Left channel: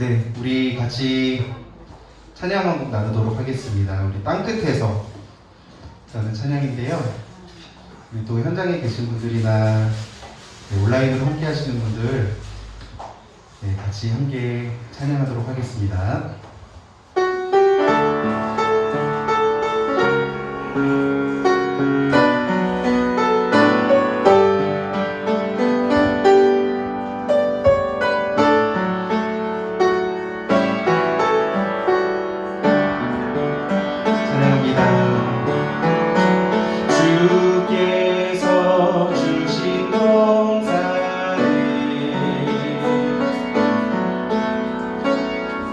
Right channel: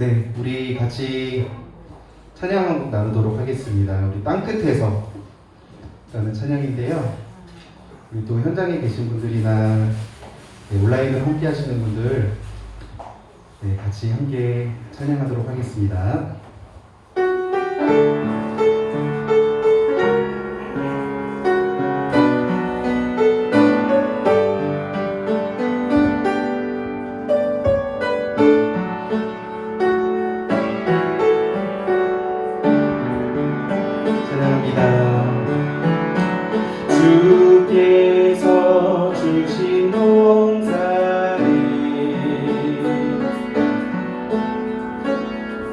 네, 우리 같이 찬양 한 곡 나누도록 하겠습니다. 우리 땅끝에서 라는 찬양인데요. 우리 또 현장에 계신 분들이나 온라인으로 함께 하시는 분들 같이 함께 찬양하도록 하겠습니다. 주께서 주신 동산에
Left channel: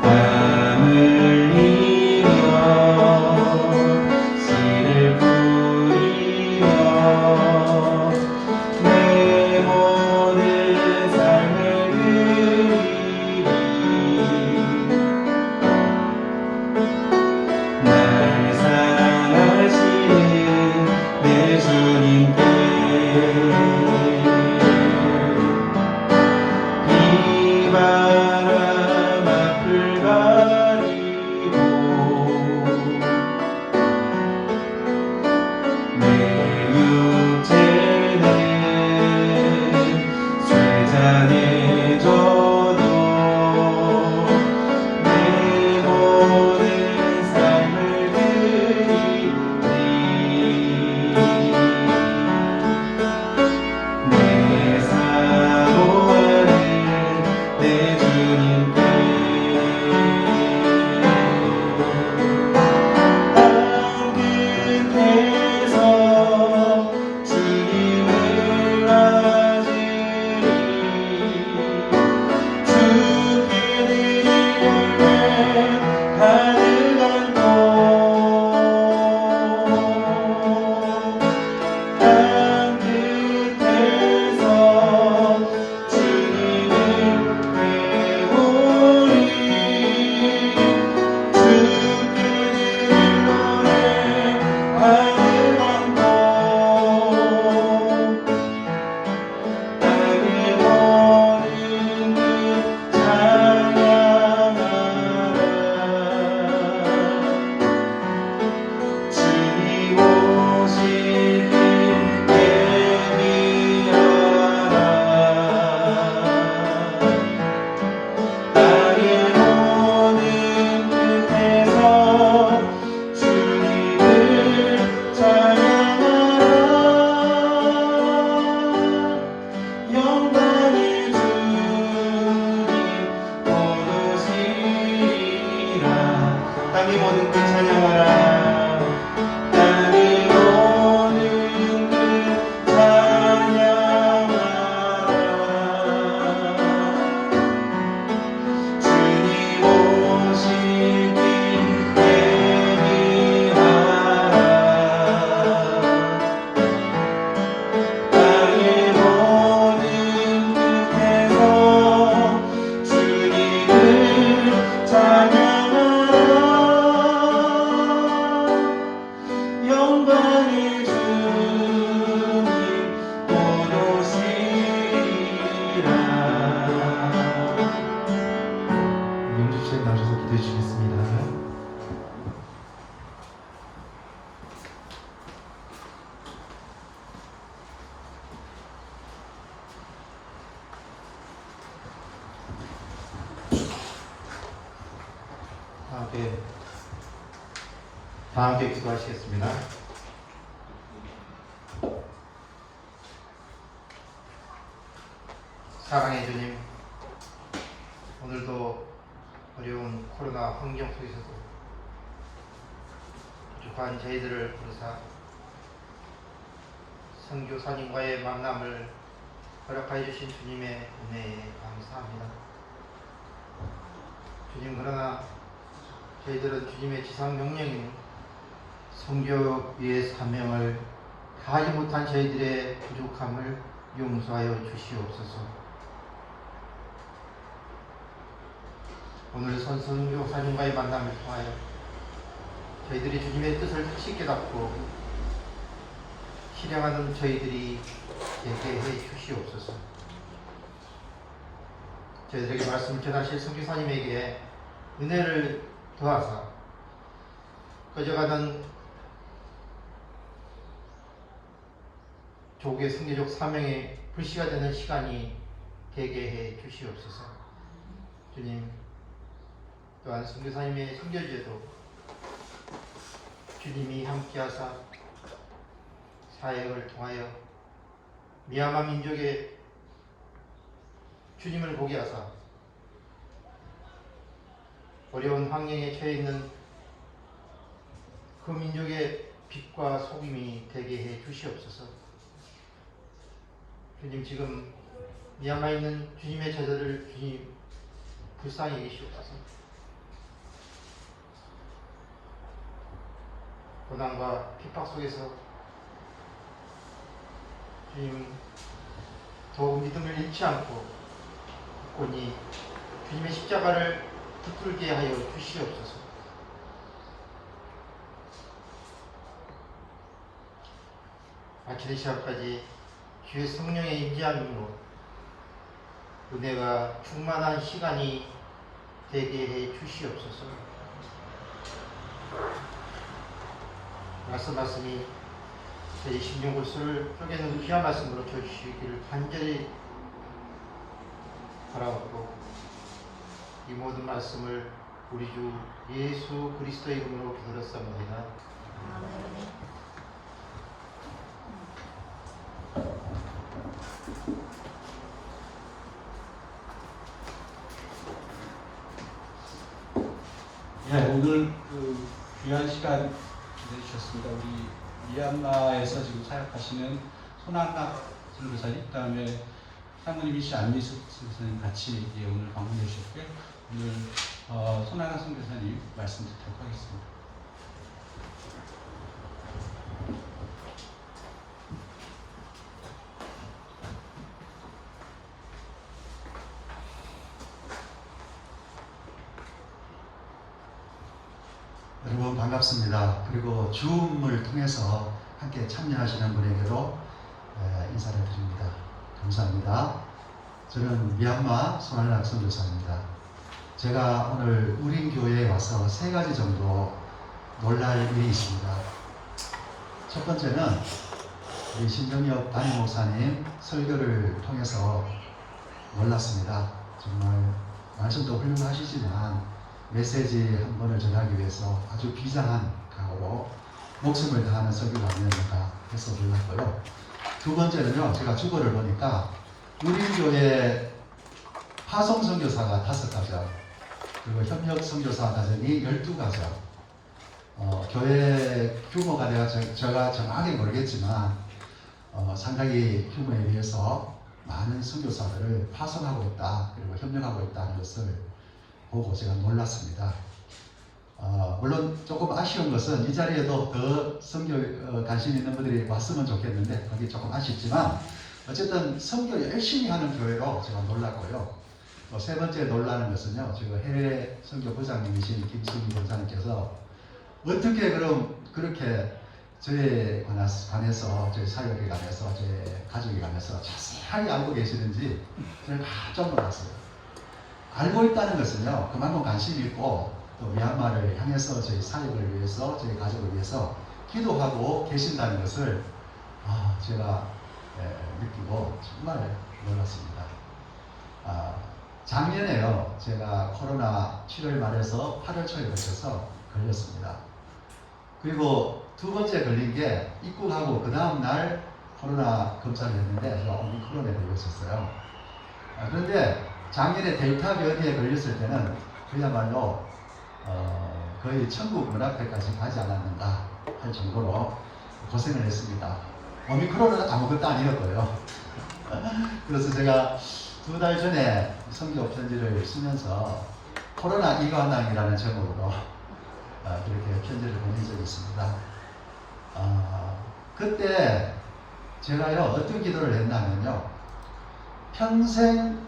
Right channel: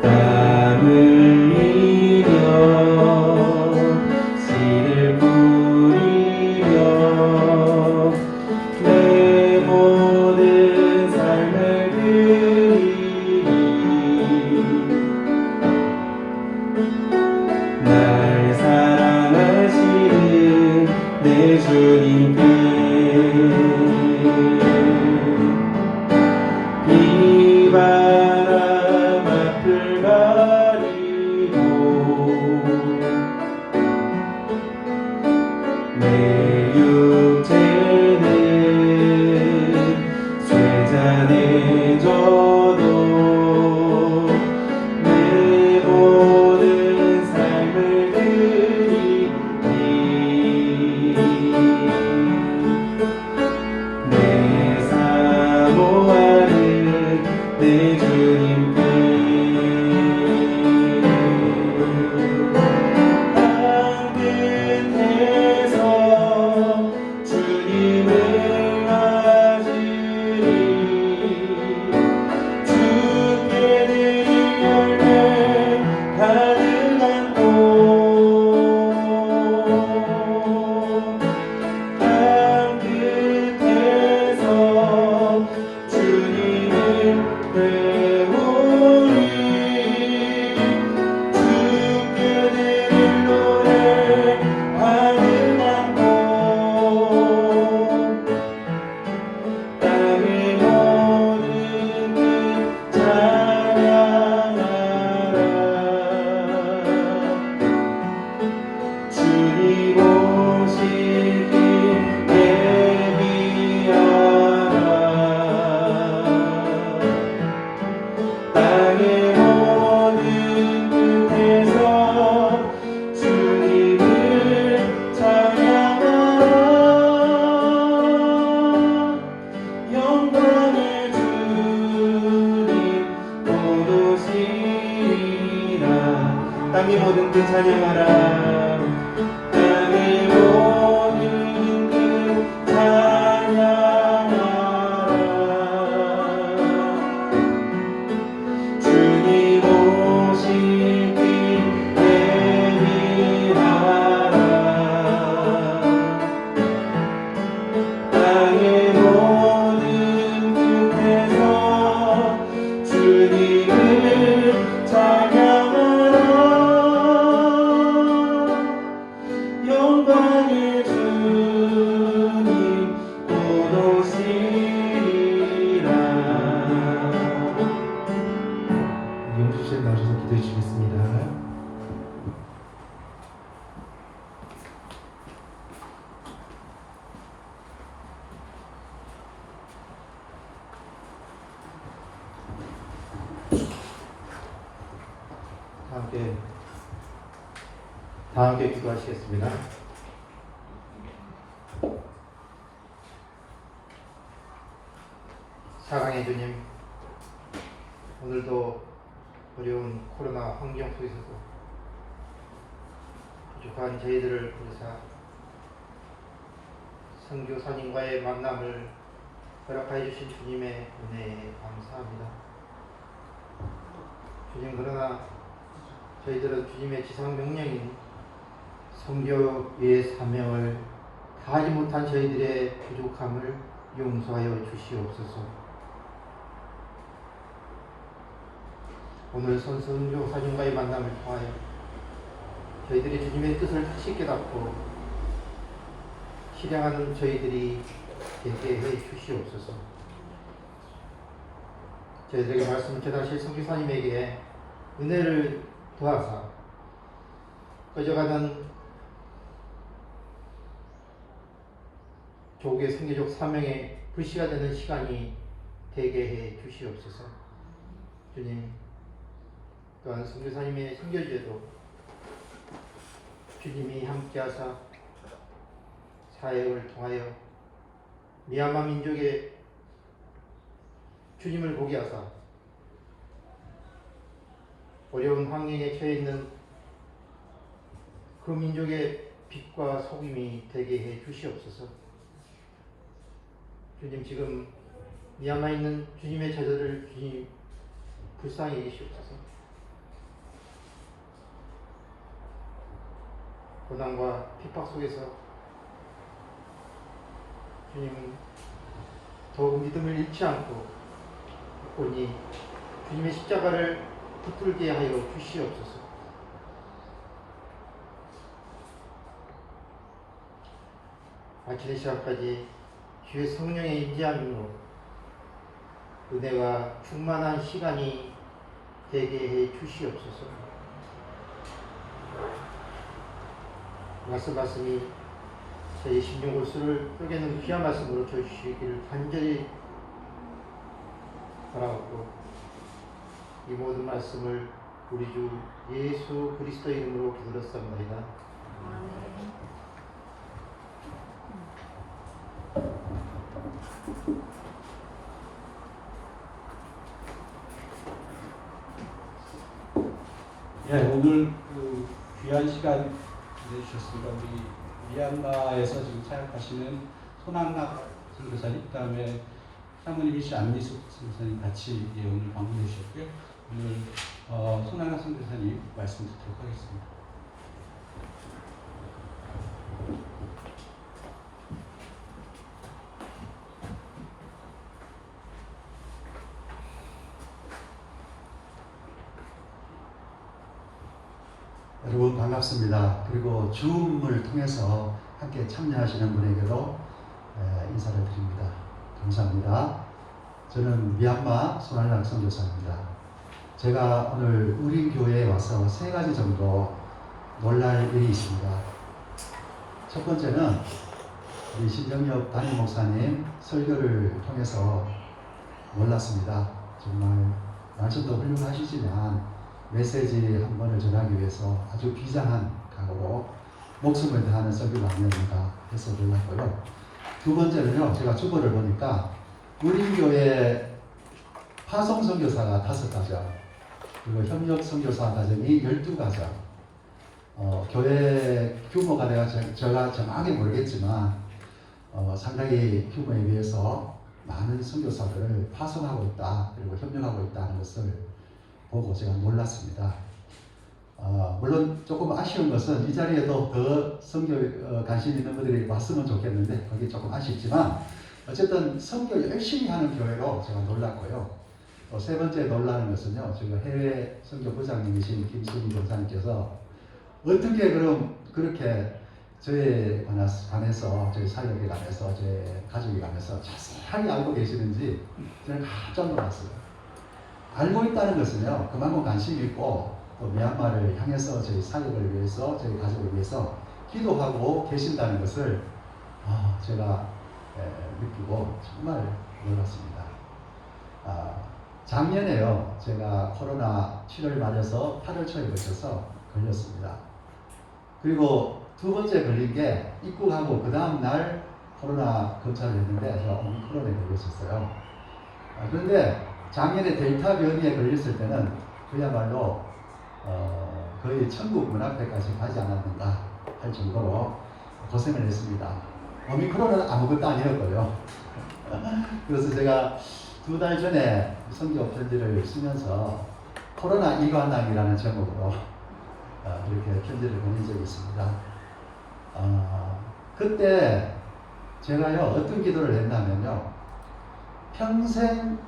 땀 흘리며 씨를 뿌리며 내 모든 삶을 드리니 날 사랑하시는 내 주님께 비바람 앞을 가리고 내 육체는 쇠잔해 져도 내 모든 삶을 드리니 내 사모하는 내 주님께 땅 끝에서 주님을 맞으리 주께 드릴 열매 가득한 곳 땅 끝에서 주님을 배우리 주께 드릴 노래 가득한 곳 땅의 모든 끝 찬양하라 주님 오실 길 예비하라 땅의 모든 끝에서 주님을 찬양하라 영광의 주님 곧 오시리라 땅의 모든 끝 찬양하라 땅의 모든 끝 찬양하라 주님 오실 길 예비하라 땅의 모든 끝에서 주님을 찬양하라 영광의 주님 곧 오시리라. 영접실 나오셔서 기도해 주시겠습니다. 다 함께 기도하시겠습니다. 사랑의 주님, 오늘도 어려운 코로나 환경 속에서도 부족한 저희들을 부르사 선교사님과의 만남을 허락하여 주신 주님의 은혜에 감사합니다. 주님, 그러나 저희들은 주님의 지상 명령인 선교의 사명을 다하지 못한 저희들의 부족함을 용서하여 주시옵소서. 오늘 선교사님과의 만남을 통하여 저희들이 주님의 뜻을 다시 깨닫고 실행하는 저희들이 되게 해 주시옵소서. 저희들에게 말씀을 전하실 선교사님에게 은혜를 더하사 꺼져가는 조국의 선교적 사명에 불씨가 되는 시간이 되게 해 주시옵소서. 주님, 또한 선교사님의 선교제도 주님이 함께하사 사역을 통하여 미얀마 민족의 주님을 보게 하사 어려운 환경에 처해 있는 그 민족의 빛과 소금이 되게 해 주시옵소서. 주님, 지금 미얀마에 있는 주님의 제자를 주님 불쌍히 여기시옵소서. 고난과 핍박 속에서 주님 더욱 믿음을 잃지 않고 굳건히 주님의 십자가를 붙들게 하여 주시옵소서. 마치는 시간까지 주의 성령의 임재함으로 은혜가 충만한 시간이 되게 해 주시옵소서. 말씀이 저희 심령 골수를 쪼개는 귀한 말씀으로 주시기를 간절히 바라옵고, 이 모든 말씀을 우리 주 예수 그리스도 이름으로 기도했습니다. 아멘. 예, 오늘 그 귀한 시간 내주셨습니다. 우리 미얀마에서 지금 사역하시는 손한락 선교사님, 그다음에 사모님이신 안미숙 선교사님 같이 오늘 방문해 주셨고요. 오늘 손한락 선교사님 말씀 듣도록 하겠습니다. 여러분 반갑습니다. 그리고 줌을 통해서 함께 참여하시는 분에게로 인사를 드립니다. 감사합니다. 저는 미얀마 손한락 선교사입니다. 제가 오늘 우린 교회에 와서 3가지 정도 놀랄 일이 있습니다. 첫 번째는 우리 신정엽 담임 목사님 설교를 통해서 놀랐습니다. 정말 말씀도 훌륭하시지만 메시지 한 번을 전하기 위해서 아주 비장한 각오로 목숨을 다하는 설교가 아니었는가 해서 놀랐고요. 두 번째는요, 제가 주보를 보니까 우리 교회 파송 선교사가 5가정, 그리고 협력 선교사 가정이 12가정. 교회 규모가 제가 정확히 모르겠지만 상당히 규모에 비해서 많은 선교사들을 파송하고 있다, 그리고 협력하고 있다는 것을 보고 제가 놀랐습니다. 물론 조금 아쉬운 것은 이 자리에도 더 선교 관심 있는 분들이 왔으면 좋겠는데 그게 조금 아쉽지만 어쨌든 선교 열심히 하는 교회로 제가 놀랐고요. 세 번째 놀라는 것은요, 지금 해외 선교 부장님이신 김수미 원장님께서 어떻게 그럼 그렇게 저에 관해서 저희 사역에 관해서 저희 가족에 관해서 자세하게 알고 계시는지 제가 깜짝 놀랐어요. 알고 있다는 것은요, 그만큼 관심이 있고 또 미얀마를 향해서 저희 사역을 위해서, 저희 가족을 위해서 기도하고 계신다는 것을 제가 느끼고 정말 놀랐습니다. 작년에요, 제가 코로나 7월 말에서 8월 초에 걸쳐서 걸렸습니다. 그리고 두 번째 걸린 게 입국하고 그 다음 날 코로나 검사를 했는데 제가 오미크론에 걸렸었어요. 그런데 작년에 델타 변이에 걸렸을 때는 그야말로 거의 천국 문 앞에까지 가지 않았는가 할 정도로 고생을 했습니다. 오미크론은 아무것도 아니었고요. 그래서 제가 2달 전에 선교 편지를 쓰면서 코로나 이관왕이라는 제목으로 그렇게 편지를 보낸 적이 있습니다. 그때 제가요, 어떤 기도를 했냐면요, 평생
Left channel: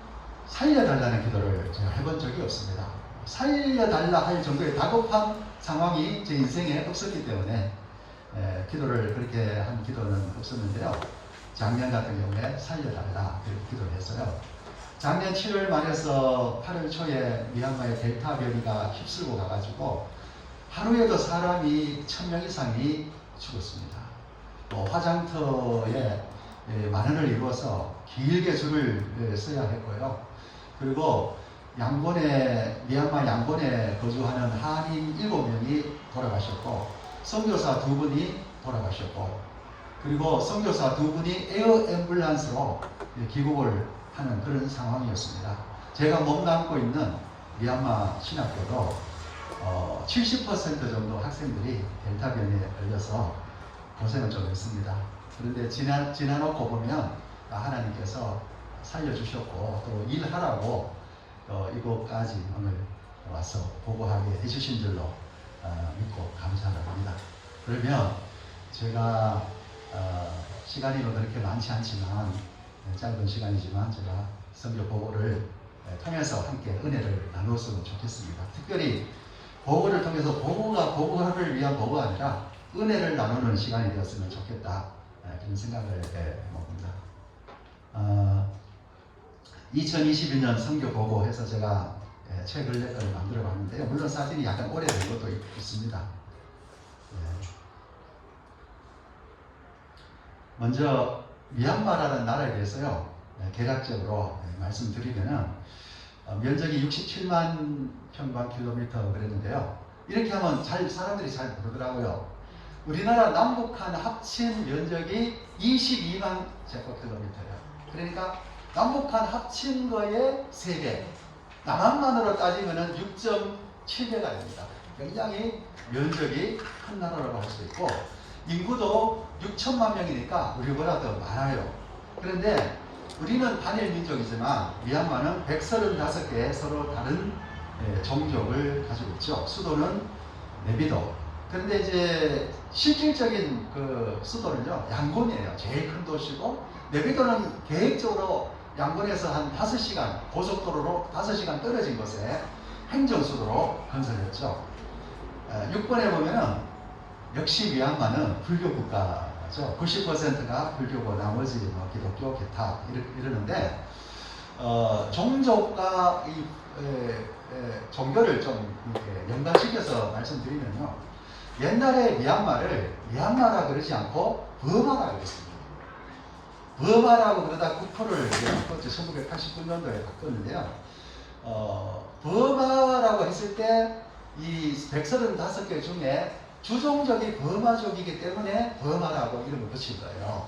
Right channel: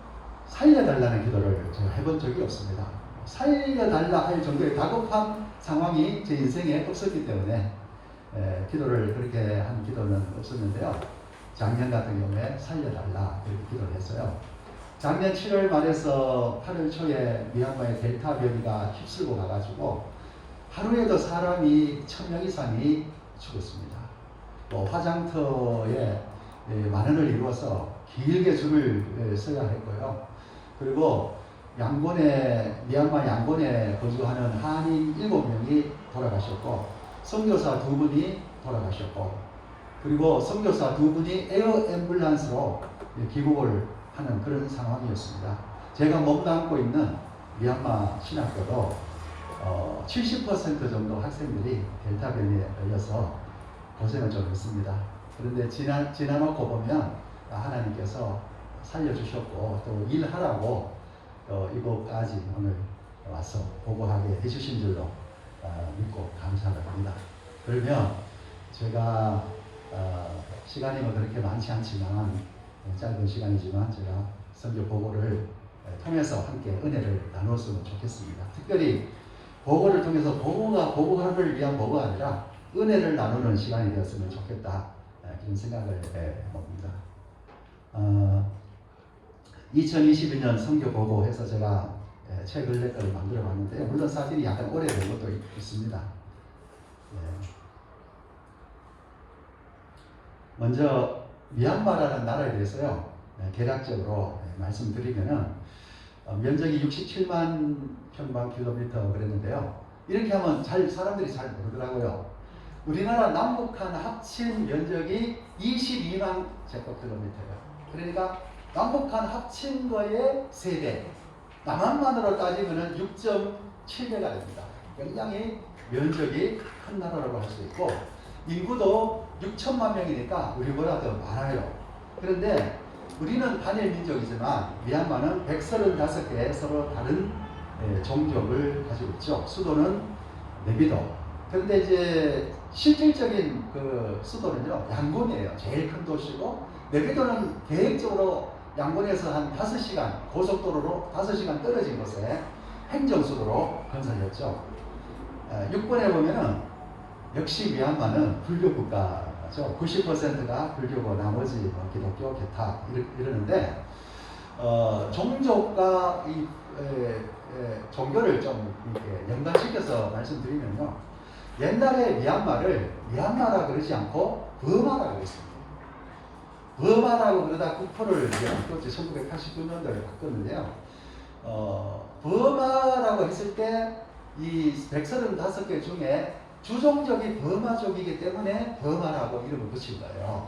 살려달라는 기도를 제가 해본 적이 없습니다. 살려달라 할 정도의 다급한 상황이 제 인생에 없었기 때문에 기도를 그렇게 한 기도는 없었는데요. 작년 같은 경우에 살려달라 그렇게 기도를 했어요. 작년 7월 말에서 8월 초에 미얀마의 델타 변이가 휩쓸고 가가지고 하루에도 사람이 1000명 이상이 죽었습니다. 또 화장터에 만원을 이루어서 길게 줄을 서야 했고요. 그리고 양곤에 미얀마 양곤에 거주하는 한인 7명이 돌아가셨고 선교사 2분이 돌아가셨고 그리고 선교사 2분이 에어 앰뷸런스로 귀국을 하는 그런 상황이었습니다. 제가 몸담고 있는 미얀마 신학교도 70% 정도 학생들이 델타 변이에 걸려서 고생을 좀 했습니다. 그런데 지나놓고 보면 하나님께서 살려주셨고 또 일하라고 이곳까지 오늘 와서 보고하게 해주신 줄로 믿고 감사를 합니다. 그러면 제가 시간이 그렇게 많지 않지만 짧은 시간이지만 제가 선교 보고를 통해서 함께 은혜를 나누었으면 좋겠습니다. 특별히 보고를 통해서 보고를 위한 보고가 아니라 은혜를 나누는 시간이 되었으면 좋겠다 그런 생각을 해봅니다. 2022년 선교 보고해서 제가 책을 만들어 봤는데요. 물론 사진이 약간 오래된 것도 있습니다. 먼저 미얀마라는 나라에 대해서요. 개략적으로 말씀드리면은 면적이 67만 평방킬로미터 그랬는데요. 이렇게 하면 사람들이 잘 모르더라고요. 우리나라 남북한 합친 면적이 22만 제곱킬로미터예요. 그러니까 남북한 합친 거의 3배. 남한만으로 따지면 6.7배가 됩니다. 굉장히 면적이 큰 나라라고 할 수 있고 인구도 6천만 명이니까 우리보다 더 많아요. 그런데 우리는 단일 민족이지만 미얀마는 135개의 서로 다른 종족을 가지고 있죠. 수도는 네비도. 그런데 이제 실질적인 그 수도는요 양곤이에요. 제일 큰 도시고 네비도는 계획적으로 양곤에서 한 5시간 고속도로로 5시간 떨어진 곳에 행정수도로 건설했죠. 6번에 보면은 역시 미얀마는 불교 국가죠. 90%가 불교고 나머지 뭐 기독교, 기타 이러는데 종족과 이 종교를 좀 이렇게 연관시켜서 말씀드리면요. 옛날에 미얀마를 미얀마라 그러지 않고 버마라고 그랬습니다. 버마라고 그러다 국호를 바꿨죠. 1989년도에 바꿨는데요. 버마라고 했을 때 이 135개 중에 주종족이 버마족이기 때문에 버마라고 이름을 붙인 거예요.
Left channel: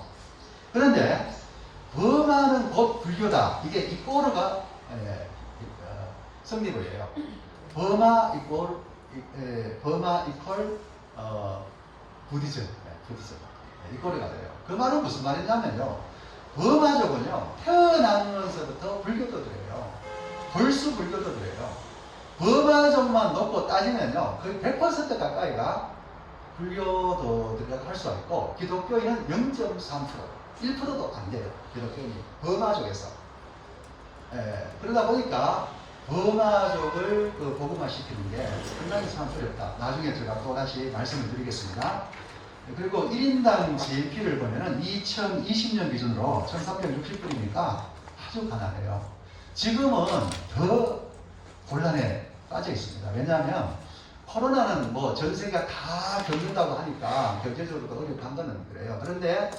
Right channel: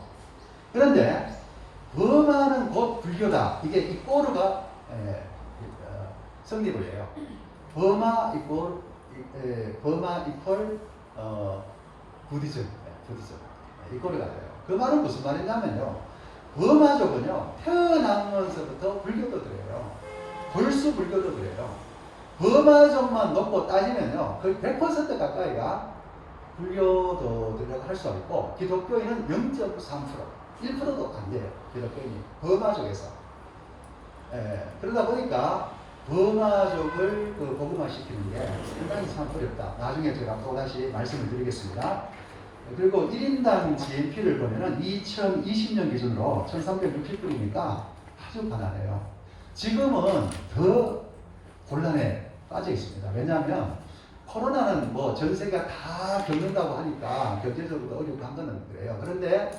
그런데 버마는 곧 불교다. 이게 이 꼬르가 성립을 해요. 버마 이퀄 부디즘 이 꼬르가 돼요. 그 말은 무슨 말이냐면요. 버마족은요 태어나면서부터 불교도 들어요. 불수 불교도 들어요. 버마족만 놓고 따지면요 거의 100% 가까이가 불교도들이라고 할 수 있고 기독교인은 0.3% 1%도 안 돼요. 기독교인이 버마족에서 그러다 보니까 버마족을 복음화 시키는 게 상당히 참 어렵다. 나중에 제가 또 다시 말씀을 드리겠습니다. 그리고 1인당 GNP를 보면은 2020년 기준으로 1360불이니까 아주 가난해요. 지금은 더 곤란에 빠져 있습니다. 왜냐하면 코로나는 뭐 전 세계가 다 겪는다고 하니까 경제적으로도 어렵고 한 거는 그래요. 그런데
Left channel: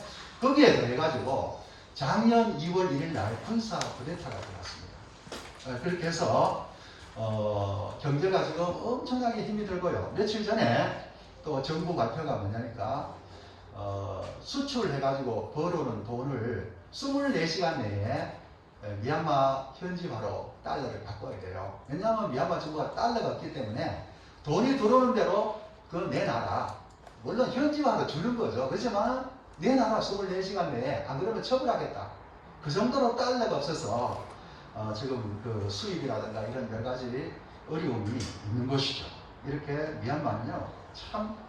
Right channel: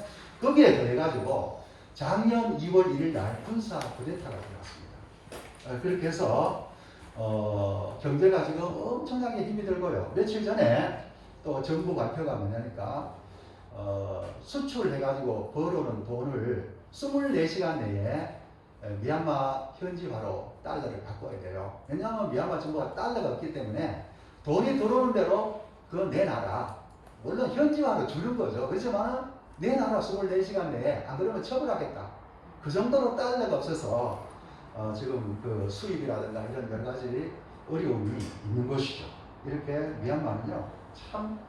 거기에 더해가지고 작년 2월 1일 날 군사 쿠데타가 들어왔습니다. 그렇게 해서 경제가 지금 엄청나게 힘이 들고요. 며칠 전에 또 정부 발표가 뭐냐니까 수출해가지고 벌어오는 돈을 24시간 내에 미얀마 현지화로 달러를 바꿔야 돼요. 왜냐하면 미얀마 정부가 달러가 없기 때문에 돈이 들어오는 대로 그거 내놔라. 물론 현지화로 주는 거죠. 그렇지만 내놔라 24시간 내에 안 그러면 처벌하겠다. 그 정도로 달러가 없어서 지금 그 수입이라든가 이런 여러 가지 어려움이 있는 것이죠. 이렇게 미얀마는요 참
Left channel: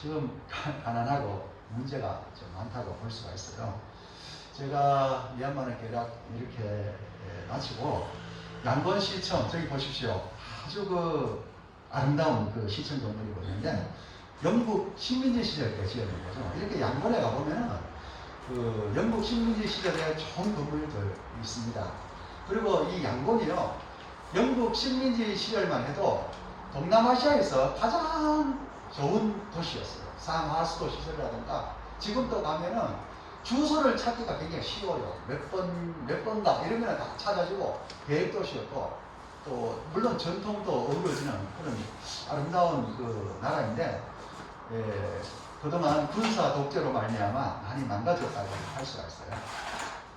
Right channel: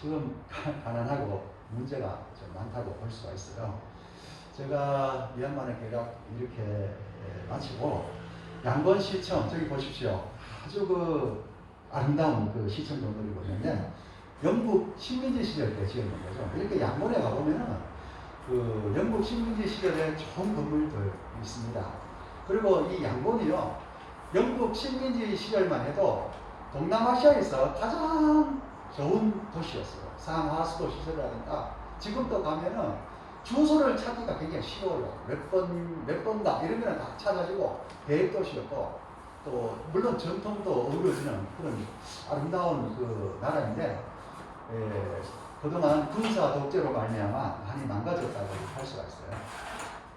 지금 가난하고 문제가 좀 많다고 볼 수가 있어요. 제가 미얀마는 대략 이렇게 마치고 양곤시청 저기 보십시오. 아주 그 아름다운 그 시청 건물이 있는데 영국 식민지 시절 때 지어진 거죠. 이렇게 양곤에 가보면은 그 영국 식민지 시절에 좋은 건물들 있습니다. 그리고 이 양곤이요, 영국 식민지 시절만 해도 동남아시아에서 가장 좋은 도시였어요. 상하수도 시설이라든가 지금도 가면은 주소를 찾기가 굉장히 쉬워요. 몇 번다 이러면 다 찾아지고 대도시였고, 또 물론 전통도 어우러지는 그런 아름다운 그 나라인데, 그동안 군사 독재로 말미암아 많이 망가졌다고 할 수가 있어요.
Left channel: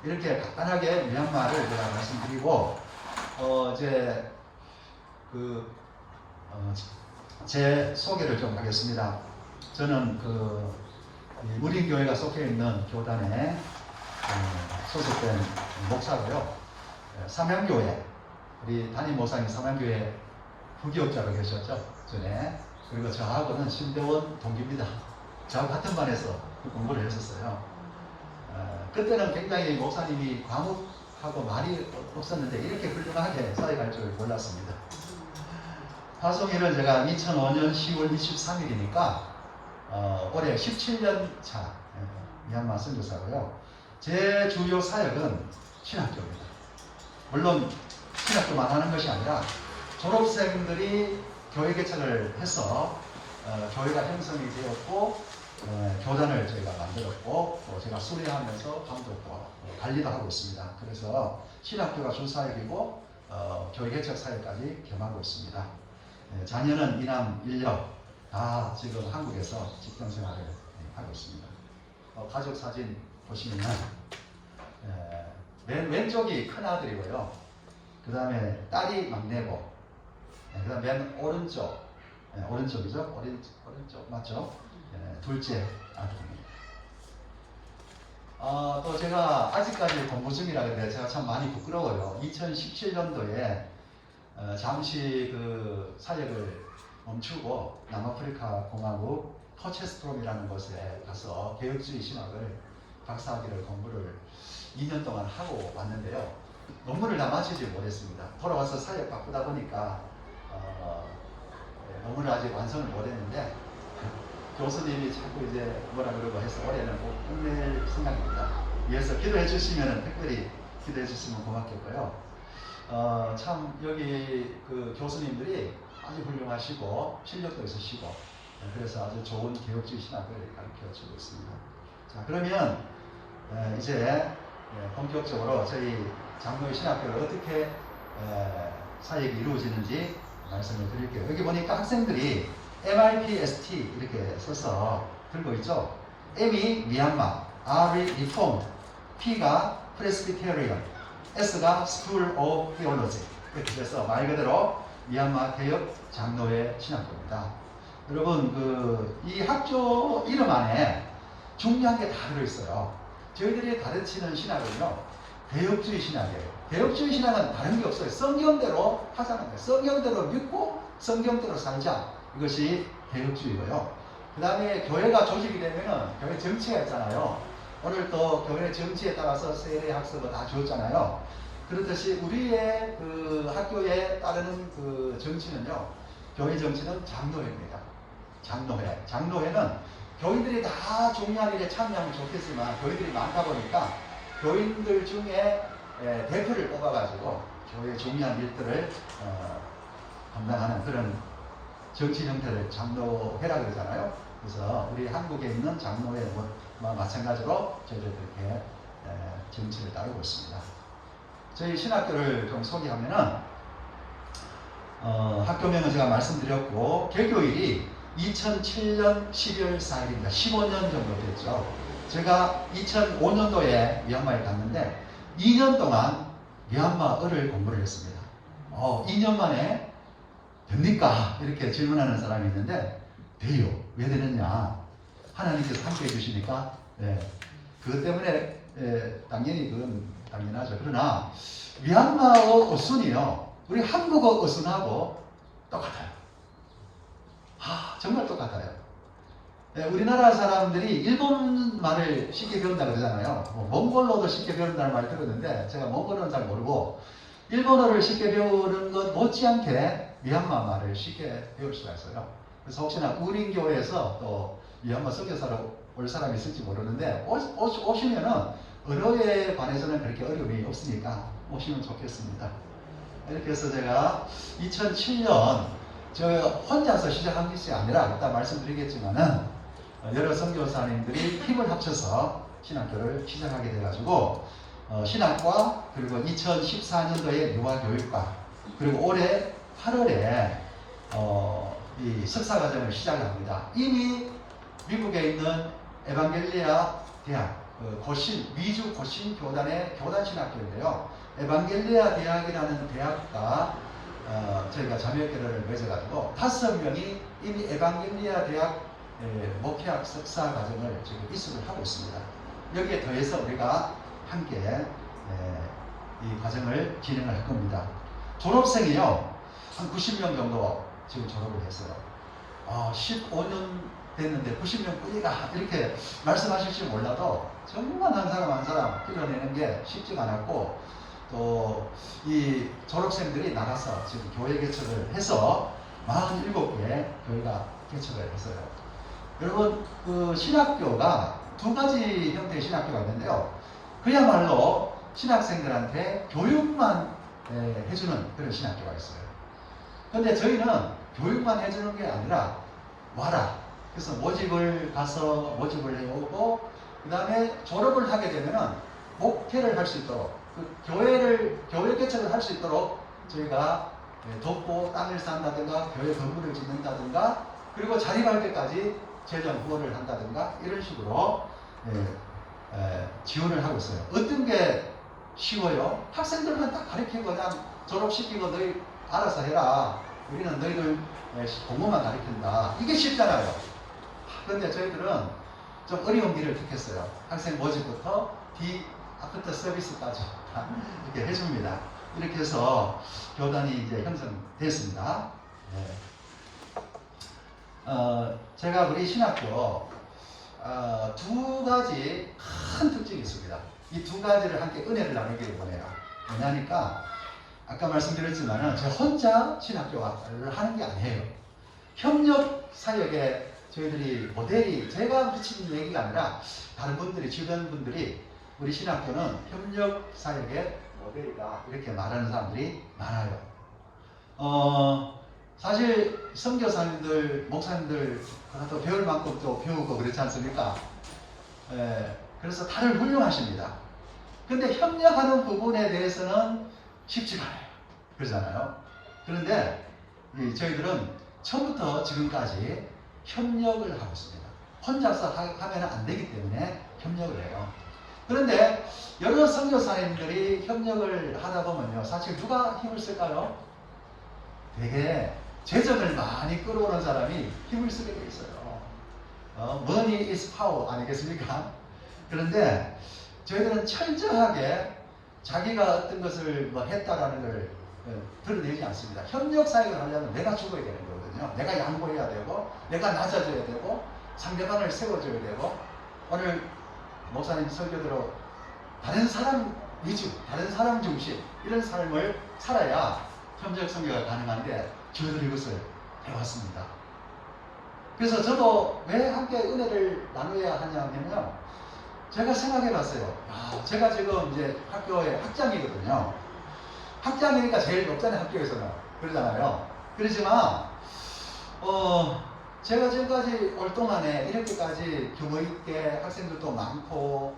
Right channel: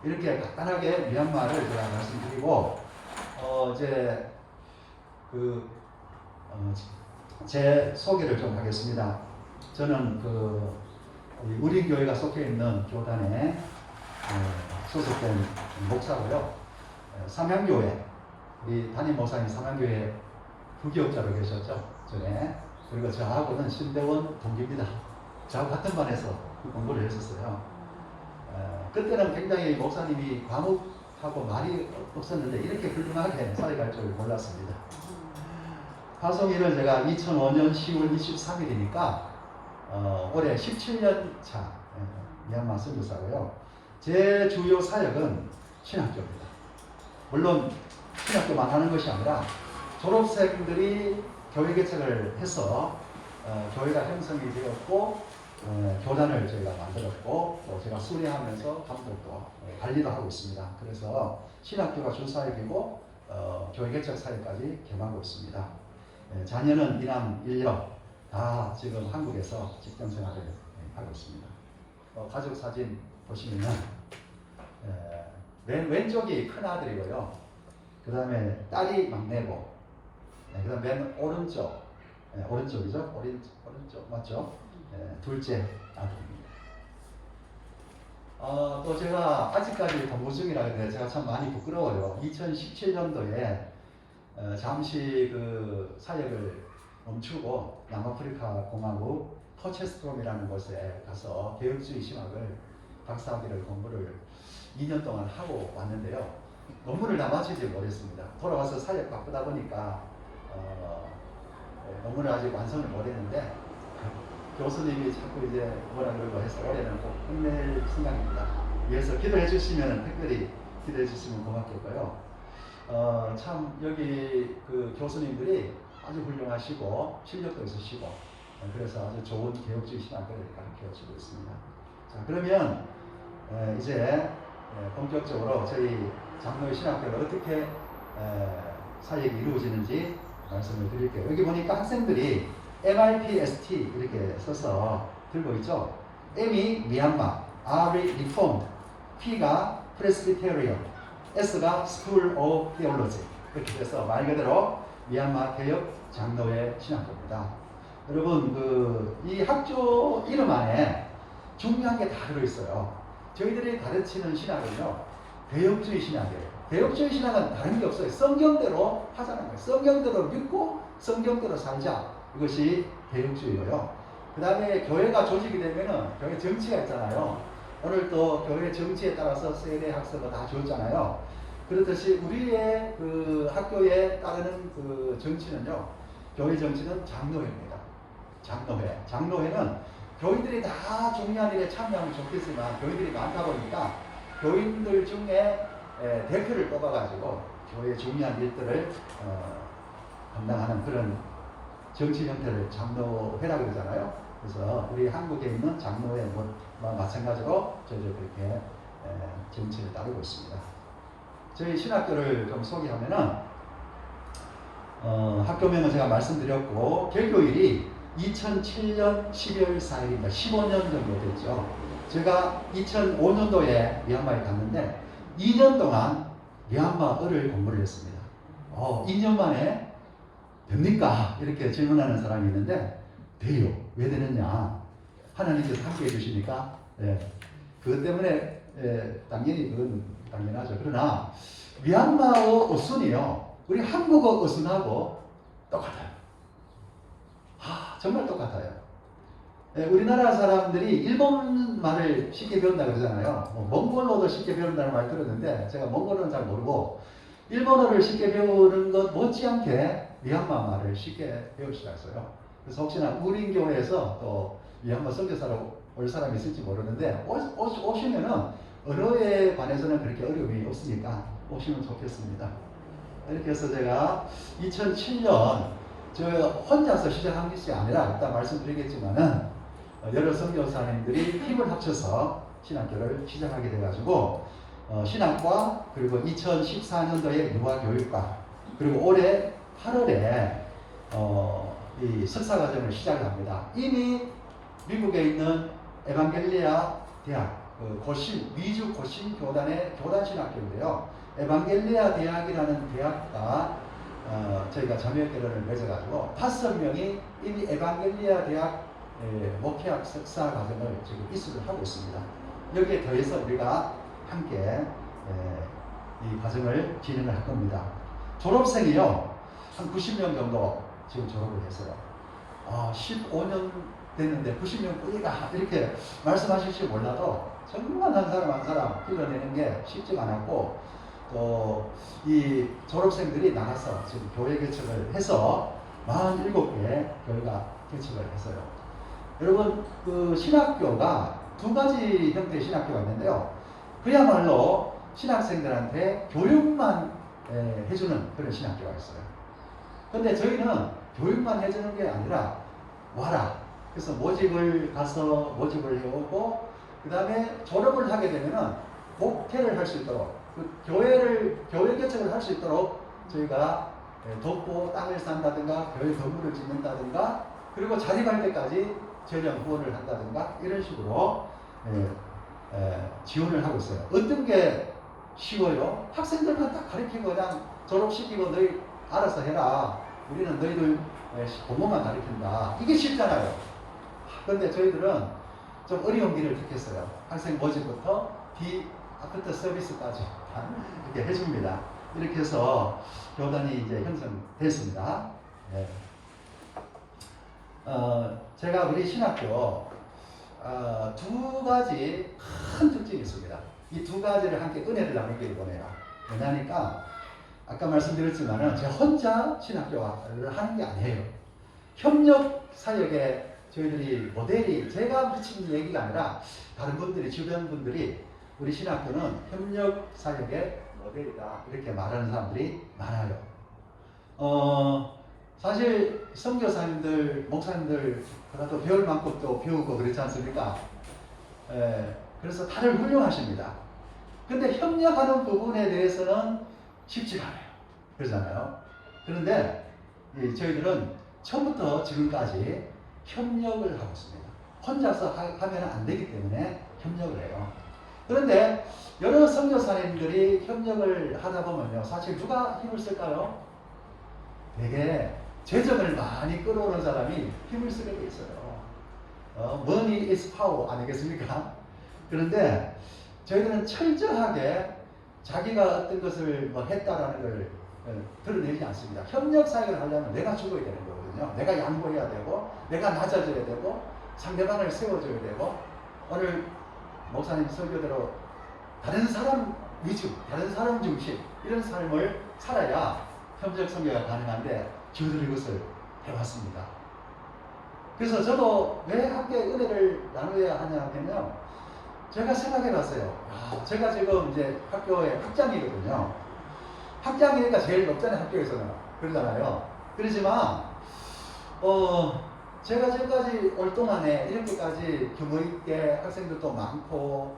이렇게 간단하게 미얀마를 제가 말씀드리고, 이제 제 소개를 좀 하겠습니다. 저는 우린교회가 속해 있는 교단에 소속된 목사고요. 삼양교회, 우리 담임 목사님 삼양교회 부교육자로 계셨죠, 전에. 그리고 저하고는 신대원 동기입니다. 저하고 같은 반에서 공부를 했었어요. 그때는 굉장히 목사님이 과묵하고 말이 없었는데 이렇게 훌륭하게 사역할 줄 몰랐습니다. 파송일을 제가 2005년 10월 23일이니까 올해 17년 차 미얀마 선교사고요. 제 주요 사역은 신학교입니다. 물론 신학교만 하는 것이 아니라 졸업생들이 교회 개척을 해서 교회가 형성이 되었고, 교단을 저희가 만들었고, 또 제가 수료하면서 감독과 관리도 하고 있습니다. 그래서 신학교가 주사역이고 교회 개척 사역까지 겸하고 있습니다. 자녀는 이남 일녀 다 지금 한국에서 직장 생활을 하고 있습니다. 가족 사진 보시면 맨 왼쪽이 큰 아들이고요. 그 다음에 딸이 막내고, 그 다음 맨 오른쪽, 오른쪽이죠? 오른쪽 맞죠? 둘째 아들입니다. 또 제가 아직까지 공부 중이라 그래서 제가 참 많이 부끄러워요. 2017년도에 잠시 사역을 멈추고 남아프리카 공화국 토체스트롬이라는 곳에 가서 개혁주의 신학을 박사학위를 공부를 2년 동안 하고 왔는데요. 논문을 다 마치지 못했습니다. 돌아와서 사역 바쁘다 보니까 논문을 아직 완성을 못했는데, 교수님이 자꾸 이제 뭐라 그러고 해서 올해는 꼭 끝낼 생각입니다. 위해서 기도해 주시면, 특별히 기도해 주시면 고맙겠고요. 참 여기 교수님들이 아주 훌륭하시고 실력도 있으시고, 그래서 아주 좋은 개혁주의 신학을 가르쳐 주고 있습니다. 자, 그러면 이제 본격적으로 저희 장로의 신학교를 어떻게 사역이 이루어지는지 말씀을 드릴게요. 여기 보니까 학생들이 MIPST 이렇게 써서 들고 있죠. M이 미얀마, R이 리폼, P가 프레스비테리언, S가 School of Theology. 이렇게 해서 말 그대로 미얀마 개혁 장로회 신학교입니다. 여러분, 이 학교 이름 안에 중요한 게 다 들어있어요. 저희들이 가르치는 신학은요, 개혁주의 신학이에요. 개혁주의 신학은 다른 게 없어요. 성경대로 하자는 거예요. 성경대로 믿고 성경대로 살자. 이것이 개혁주의고요. 그 다음에 교회가 조직이 되면은 교회 정치가 있잖아요. 오늘 또 교회 정치에 따라서 세례 학습을 다 주었잖아요. 그렇듯이 우리의 학교에 따르는 정치는요, 교회 정치는 장로회입니다. 장로회는 교인들이 다 중요한 일에 참여하면 좋겠지만 교인들이 많다 보니까 교인들 중에 대표를 뽑아가지고 교회의 중요한 일들을 담당하는 그런 정치 형태를 장로회라고 그러잖아요. 그래서 우리 한국에 있는 장로회 마찬가지로 저희들 그렇게 정치를 따르고 있습니다. 저희 신학교를 좀 소개하면은 학교명은 제가 말씀드렸고, 개교일이 2007년 12월 4일입니다. 15년 정도 됐죠. 제가 2005년도에 미얀마에 갔는데 2년 동안 미얀마어를 공부를 했습니다. 2년 만에 됩니까? 이렇게 질문하는 사람이 있는데, 돼요. 왜 되느냐? 하나님께서 함께 해주시니까, 그것 때문에 당연히 그건 당연하죠. 그러나 미얀마어 어순이요, 우리 한국어 어순하고 똑같아요. 정말 똑같아요. 우리나라 사람들이 일본 말을 쉽게 배운다고 그러잖아요. 몽골어도 쉽게 배운다는 말 들었는데, 제가 몽골어는 잘 모르고 일본어를 쉽게 배우는 것 못지않게 미얀마 말을 쉽게 배울 수가 있어요. 그래서 혹시나 우린교회에서 또 미얀마 선교사로 올 사람이 있을지 모르는데, 오시면은 언어에 관해서는 그렇게 어려움이 없으니까 오시면 좋겠습니다. 이렇게 해서 제가 2007년 제가 혼자서 시작한 것이 아니라 이따 말씀드리겠지만은 여러 선교사님들이 힘을 합쳐서 신학교를 시작하게 돼가지고 신학과 그리고 2014년도에 유아교육과 그리고 올해 8월에 이 석사과정을 시작합니다. 이미 미국에 있는 에반겔리아 대학 고신 미주 고신 교단의 교단 신학교인데요. 에반겔리아 대학이라는 대학과 저희가 자매결연을 맺어가지고 5명이 이미 에반겔리아 대학 목회학 석사 과정을 지금 이수를 하고 있습니다. 여기에 더해서 우리가 함께 이 과정을 진행을 할 겁니다. 졸업생이요 한 90명 정도 지금 졸업을 했어요. 15년 됐는데 90명 뿐이다 이렇게 말씀하실지 몰라도 정말 한 사람 끌어내는 게 쉽지가 않았고 또 이 졸업생들이 나가서 지금 교회 개척을 해서 47개 교회가 개척을 했어요. 여러분 그 신학교가 두 가지 형태의 신학교가 있는데요. 그야말로 신학생들한테 교육만 해주는 그런 신학교가 있어요. 근데 저희는 교육만 해주는 게 아니라 와라. 그래서 모집을 가서 모집을 해오고 그 다음에 졸업을 하게 되면은 목회를 할 수 있도록 그 교회 개척을 할 수 있도록 저희가 돕고 땅을 산다든가 교회 건물을 짓는다든가 그리고 자립할 때까지 재정 후원을 한다든가 이런 식으로 지원을 하고 있어요. 어떤 게 쉬워요? 학생들만 딱 가르치고 그냥 졸업시키고 너희 알아서 해라. 우리는 너희들 공부만 가르친다. 이게 쉽잖아요. 그런데 저희들은 좀 어려운 길을 택했어요. 학생 모집부터 아프터 서비스까지 이렇게 해줍니다. 이렇게 해서 교단이 이제 형성됐습니다. 네. 제가 우리 신학교 두 가지 큰 특징이 있습니다. 이 두 가지를 함께 은혜를 나누기를 원해요. 뭐냐니까 아까 말씀드렸지만은 제가 혼자 신학교를 하는 게 아니에요. 협력 사역에 저희들이 모델이 제가 붙이는 얘기가 아니라 다른 분들이 주변 분들이 우리 신학교는 협력 사역의 모델이다 이렇게 말하는 사람들이 많아요. 사실 선교사님들, 목사님들 또 배울 만큼 또 배우고 그렇지 않습니까? 그래서 다들 훌륭하십니다. 근데 협력하는 부분에 대해서는 쉽지가 않아요. 그러잖아요. 그런데 저희들은 처음부터 지금까지 협력을 하고 있습니다. 혼자서 하면 안 되기 때문에 협력을 해요. 그런데 여러 선교사님들이 협력을 하다 보면요. 사실 누가 힘을 쓸까요? 되게 재정을 많이 끌어오는 사람이 힘을 쓰게 돼 있어요. Money is power 아니겠습니까? 그런데 저희들은 철저하게 자기가 어떤 것을 했다라는 걸 드러내지 않습니다. 협력 사역을 하려면 내가 죽어야 되는 거거든요. 내가 양보해야 되고, 내가 낮아져야 되고, 상대방을 세워줘야 되고, 오늘 목사님 설교대로 다른 사람 위주, 다른 사람 중심 이런 삶을 살아야 협력 선교가 가능한데 저희들이 이것을 해왔습니다. 그래서 저도 왜 함께 은혜를 나눠야 하냐면요. 제가 생각해 봤어요. 제가 지금 이제 학교의 학장이거든요. 학장이니까 제일 높잖아요, 학교에서는. 그러잖아요. 그렇지만, 제가 지금까지 올 동안에 이렇게까지 규모 있게 학생들도 많고,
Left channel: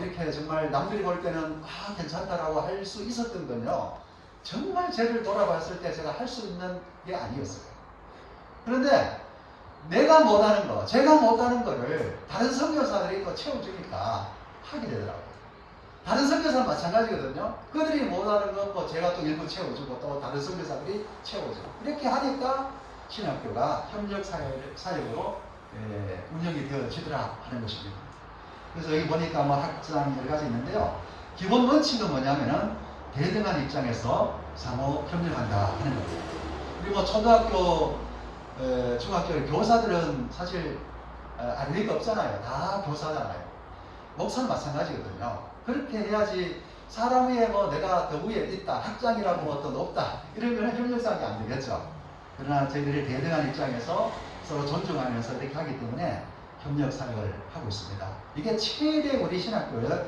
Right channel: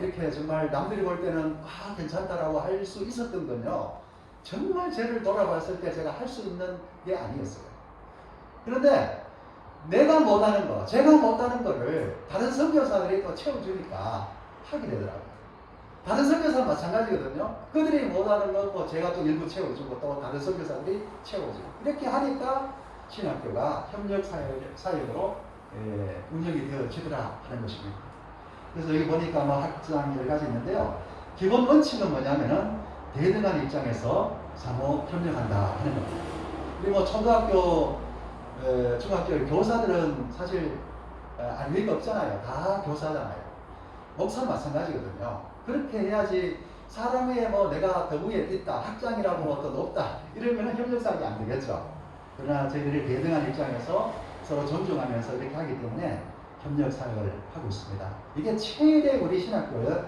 이렇게 정말 남들이 볼 때는, 괜찮다라고 할 수 있었던 건요. 정말 저를 돌아봤을 때 제가 할 수 있는 게 아니었어요. 그런데, 내가 못하는 거, 제가 못하는 거를 다른 선교사들이 또 채워주니까 하게 되더라고요. 다른 선교사는 마찬가지거든요. 그들이 못하는 건 제가 또 일부 채워주고 또 다른 선교사들이 채워주고 이렇게 하니까 신학교가 협력 사역으로 운영이 되어지더라 하는 것입니다. 그래서 여기 보니까 학장 여러 가지 있는데요. 기본 원칙은 뭐냐면은 대등한 입장에서 상호 협력한다 하는 겁니다. 그리고 초등학교 중학교 교사들은 사실 알 리가 없잖아요. 다 교사잖아요. 목사는 마찬가지거든요. 그렇게 해야지 사람 위에 내가 더 위에 있다, 학장이라고 어떤 높다 이러면 협력사역이 안 되겠죠. 그러나 저희들이 대등한 입장에서 서로 존중하면서 이렇게 하기 때문에 협력사역을 하고 있습니다. 이게 최대 우리 신학교의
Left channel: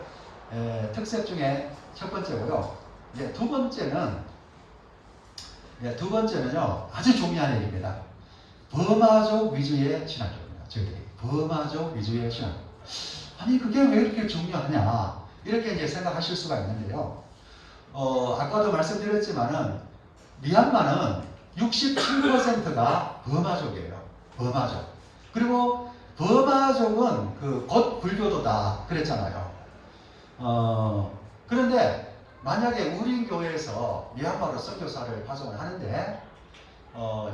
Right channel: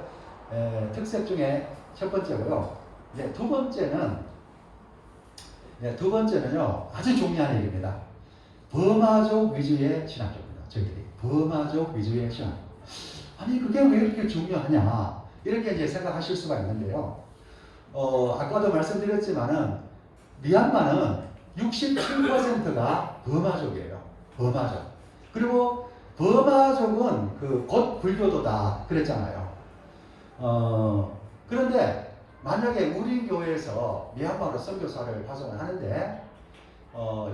특색 중에 첫 번째고요. 두 번째는요 아주 중요한 얘기입니다. 버마족 위주의 신학교입니다. 저희들이 버마족 위주의 신학교. 아니 그게 왜 이렇게 중요하냐 이렇게 이제 생각하실 수가 있는데요. 아까도 말씀드렸지만은 미얀마는 67%가 버마족이에요. 버마족. 그리고 버마족은 곧 불교도다 그랬잖아요. 그런데 만약에 우리 교회에서 미얀마로 선교사를 파송을 하는데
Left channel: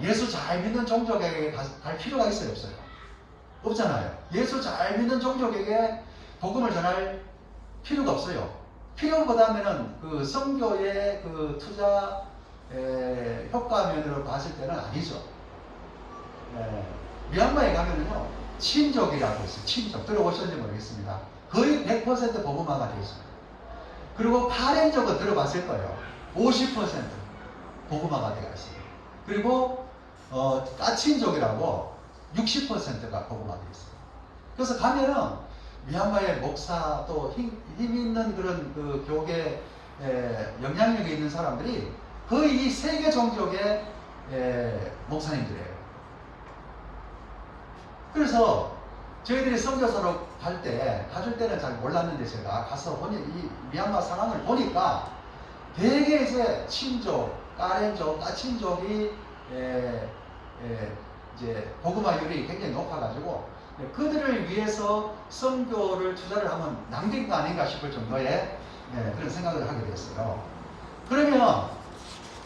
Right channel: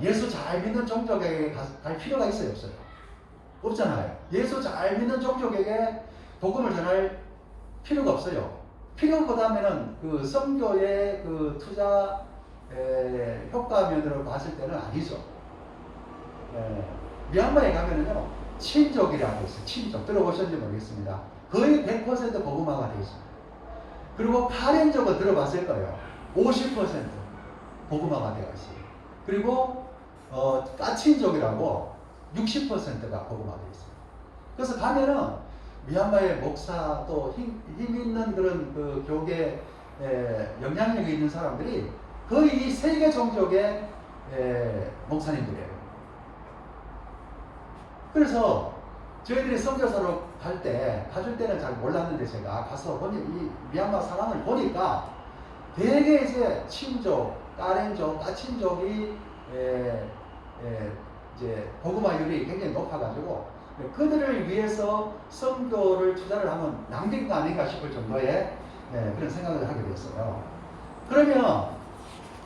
예수 잘 믿는 종족에게 갈 필요가 있어요, 없어요? 없잖아요. 예수 잘 믿는 종족에게 복음을 전할 필요가 없어요. 필요보다는 그 선교의 그 투자 효과면으로 봤을 때는 아니죠. 미얀마에 가면은요 친족이라고 있어요. 친족 들어보셨는지 모르겠습니다. 거의 100% 복음화가 되어 있습니다. 그리고 파렌족은 들어봤을 거예요. 50% 복음화가 되어 있어요. 그리고 따친족이라고 60%가 복음화되어 있어요. 그래서 가면은 미얀마의 목사 또 힘 있는 그런 그 교계 영향력이 있는 사람들이 거의 이 세계 종족의 목사님들이에요. 그래서 저희들이 선교사로 가줄 때는 잘 몰랐는데 제가 가서 보니 이 미얀마 상황을 보니까 되게 이제 친족, 까렌족, 따친족이 이제 복음화율이 굉장히 높아가지고 그들을 위해서 선교를 투자를 하면 낭비인 거 아닌가 싶을 정도의 그런 생각을 하게 됐어요. 그러면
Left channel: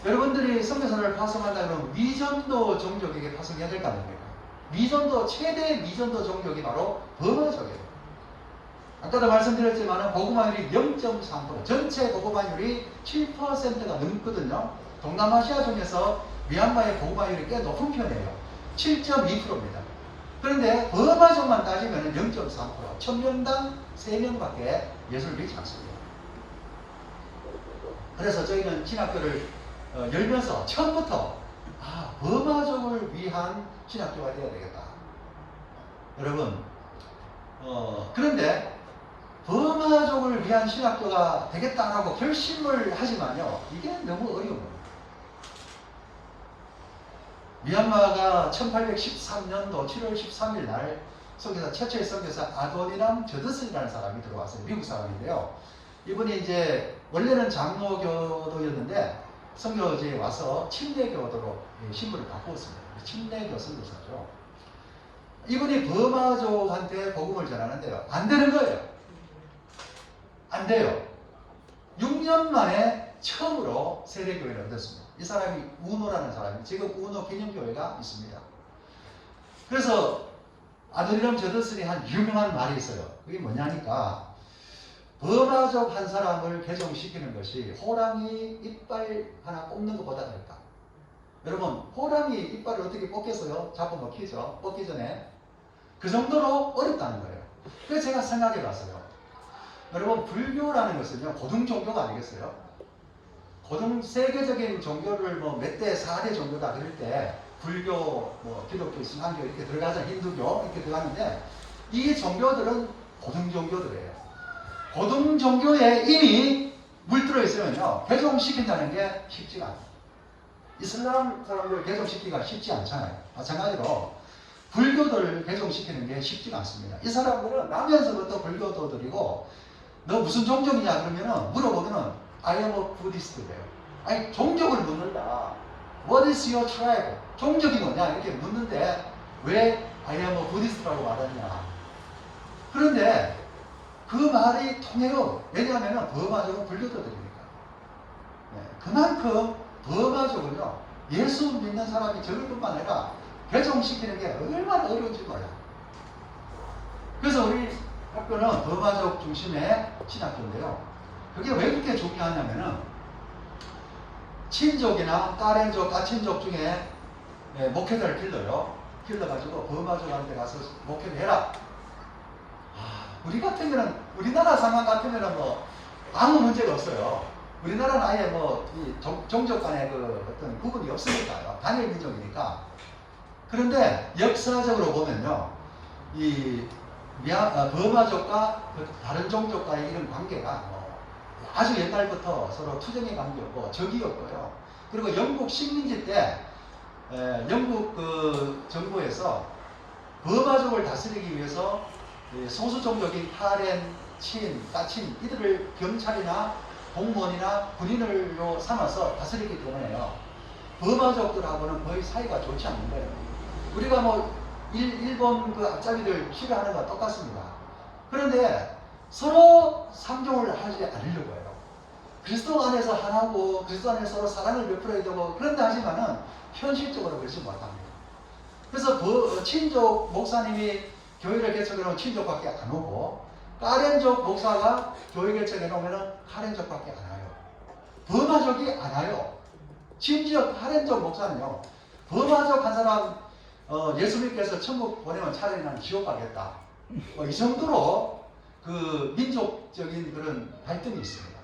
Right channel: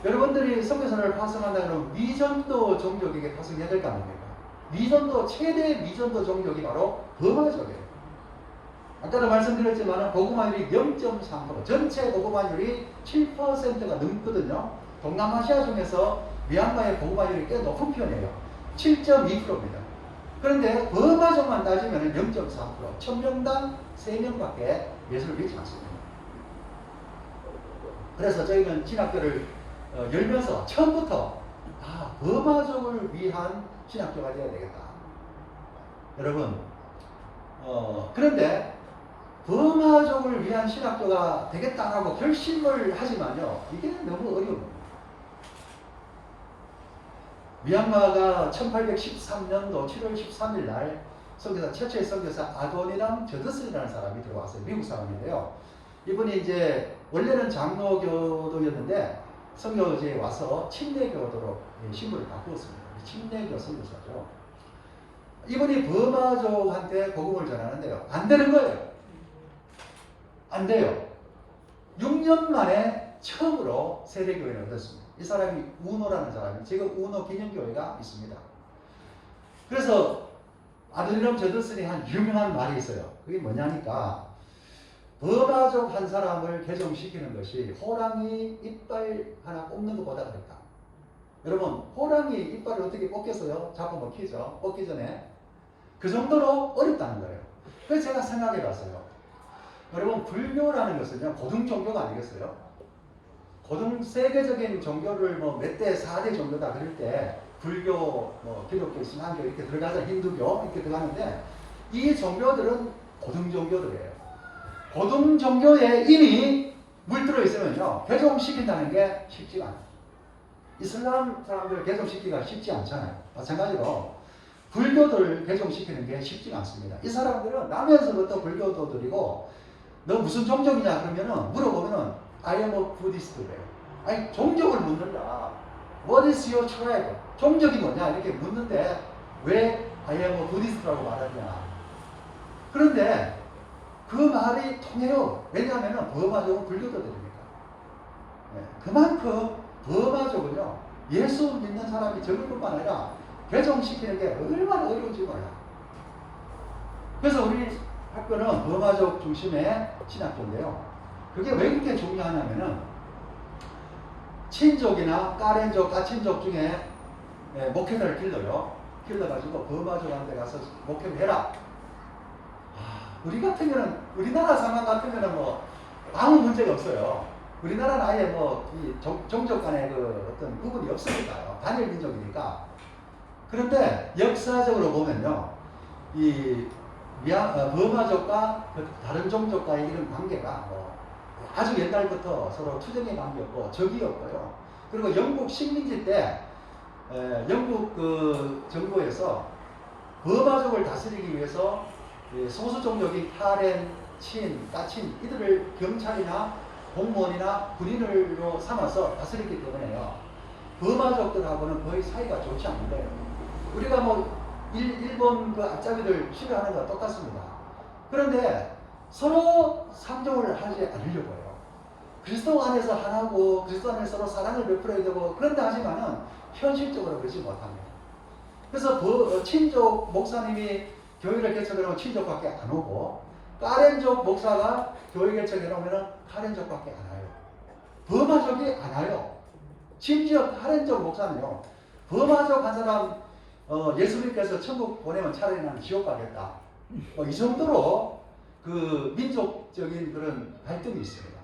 여러분들이 선교사를 파송한다면 미전도 종족에게 파송해야 될 거 아닙니까? 미전도 최대 미전도 종족이 바로 버마족이에요. 아까도 말씀드렸지만 복음화율이 0.3% 전체 복음화율이 7%가 넘거든요. 동남아시아 중에서 미얀마의 복음화율이 꽤 높은 편이에요. 7.2%입니다. 그런데 버마족만 따지면 0.3% 1000명당 3명밖에 예수를 믿지 않습니다. 그래서 저희는 신학교를 열면서 처음부터 버마족을 위한 신학교가 되어야 되겠다. 여러분 그런데 버마족을 위한 신학교가 되겠다라고 결심을 하지만요 이게 너무 어려운 겁니다. 미얀마가 1813년도 7월 13일 날 선교사 최초의 선교사 아도니람 저드슨이라는 사람이 들어왔어요. 미국 사람인데요. 이분이 이제 원래는 장로교도였는데 선교지에 와서 침례교도로 신분을 바꾸었습니다. 침례교 선교사죠. 이분이 버마족한테 복음을 전하는데요. 안 되는 거예요. 안 돼요. 6년 만에 처음으로 세례교회를 얻었습니다. 이 사람이 우노라는 사람이 지금 우노 기념교회가 있습니다. 그래서 아드니람 저드슨이 한 유명한 말이 있어요. 그게 뭐냐니까 버마족 한 사람을 개종시키는 것이 호랑이 이빨 하나 뽑는 것보다 어렵다. 여러분 호랑이 이빨을 어떻게 뽑겠어요? 잡아먹히죠. 뽑기 전에. 그 정도로 어렵다는 거예요. 그래서 제가 생각해 봤어요. 여러분 불교라는 것은요 고등 종교가 아니겠어요? 고등 세계적인 종교를 뭐 몇 대 4대 종교다 그럴 때 불교, 뭐 기독교, 신앙교 이렇게 들어가잖아요. 힌두교 이렇게 들어가는데 이 종교들은 고등 종교들이에요. 고등 종교에 이미 물들어 있으면요 개종시킨다는 게 쉽지가 않아요. 이슬람 사람들 개종시키기가 쉽지 않잖아요. 마찬가지로 불교들 개종시키는 게 쉽지가 않습니다. 이 사람들은 나면서부터 불교도들이고 너 무슨 종족이냐 그러면은 물어보면은 I am a Buddhist래요. 아니 종족을 묻는다. What is your tribe? 종족이 뭐냐 이렇게 묻는데 왜 I am a Buddhist라고 말하냐. 그런데 그 말이 통해요. 왜냐하면 버마족은 불교도들이니까. 그만큼 버마족은요 예수 믿는 사람이 적을 뿐만 아니라 개종시키는 게 얼마나 어려운지 몰라요. 그래서 우리 학교는 버마족 중심의 신학교인데요. 그게 왜 그렇게 중요하냐면은 친족이나 딸앤족, 가친족 중에 목회자를 길러요. 길러가지고 버마족한테 가서 목회를 해라. 우리 같으면은 우리나라 상황 같으면은 뭐 아무 문제가 없어요. 우리나라는 아예 뭐 이 종족 간의 그 어떤 구분이 없으니까요. 단일 민족이니까. 그런데 역사적으로 보면요, 이 버마족과 그 다른 종족과의 이런 관계가 뭐 아주 옛날부터 서로 투쟁의 관계였고 적이었고요. 그리고 영국 식민지 때 영국 그 정부에서 버마족을 다스리기 위해서 소수 종족인 하렌, 친, 까친 이들을 경찰이나 공무원이나 군인으로 삼아서 다스리기 때문에요. 버마족들하고는 거의 사이가 좋지 않는 거예요. 우리가 뭐 일본 그 앞잡이들 싫어하는 거와 똑같습니다. 그런데 서로 상종을 하지 않으려고 해요. 그리스도 안에서 하나고 그리스도 안에서 서로 사랑을 베풀어야 되고 그런데 하지만은 현실적으로 그러지 못합니다. 그래서 친족 목사님이 교회를 개척해 놓으면 친족밖에 안 오고 카렌족 목사가 교회 개척해 놓으면 카렌족밖에 안 와요. 버마족이 안 와요. 심지어 카렌족 목사는요. 버마족 한 사람 예수님께서 천국 보내면 차라리 난 지옥 가겠다. 이 정도로 그 민족적인 그런 갈등이 있습니다.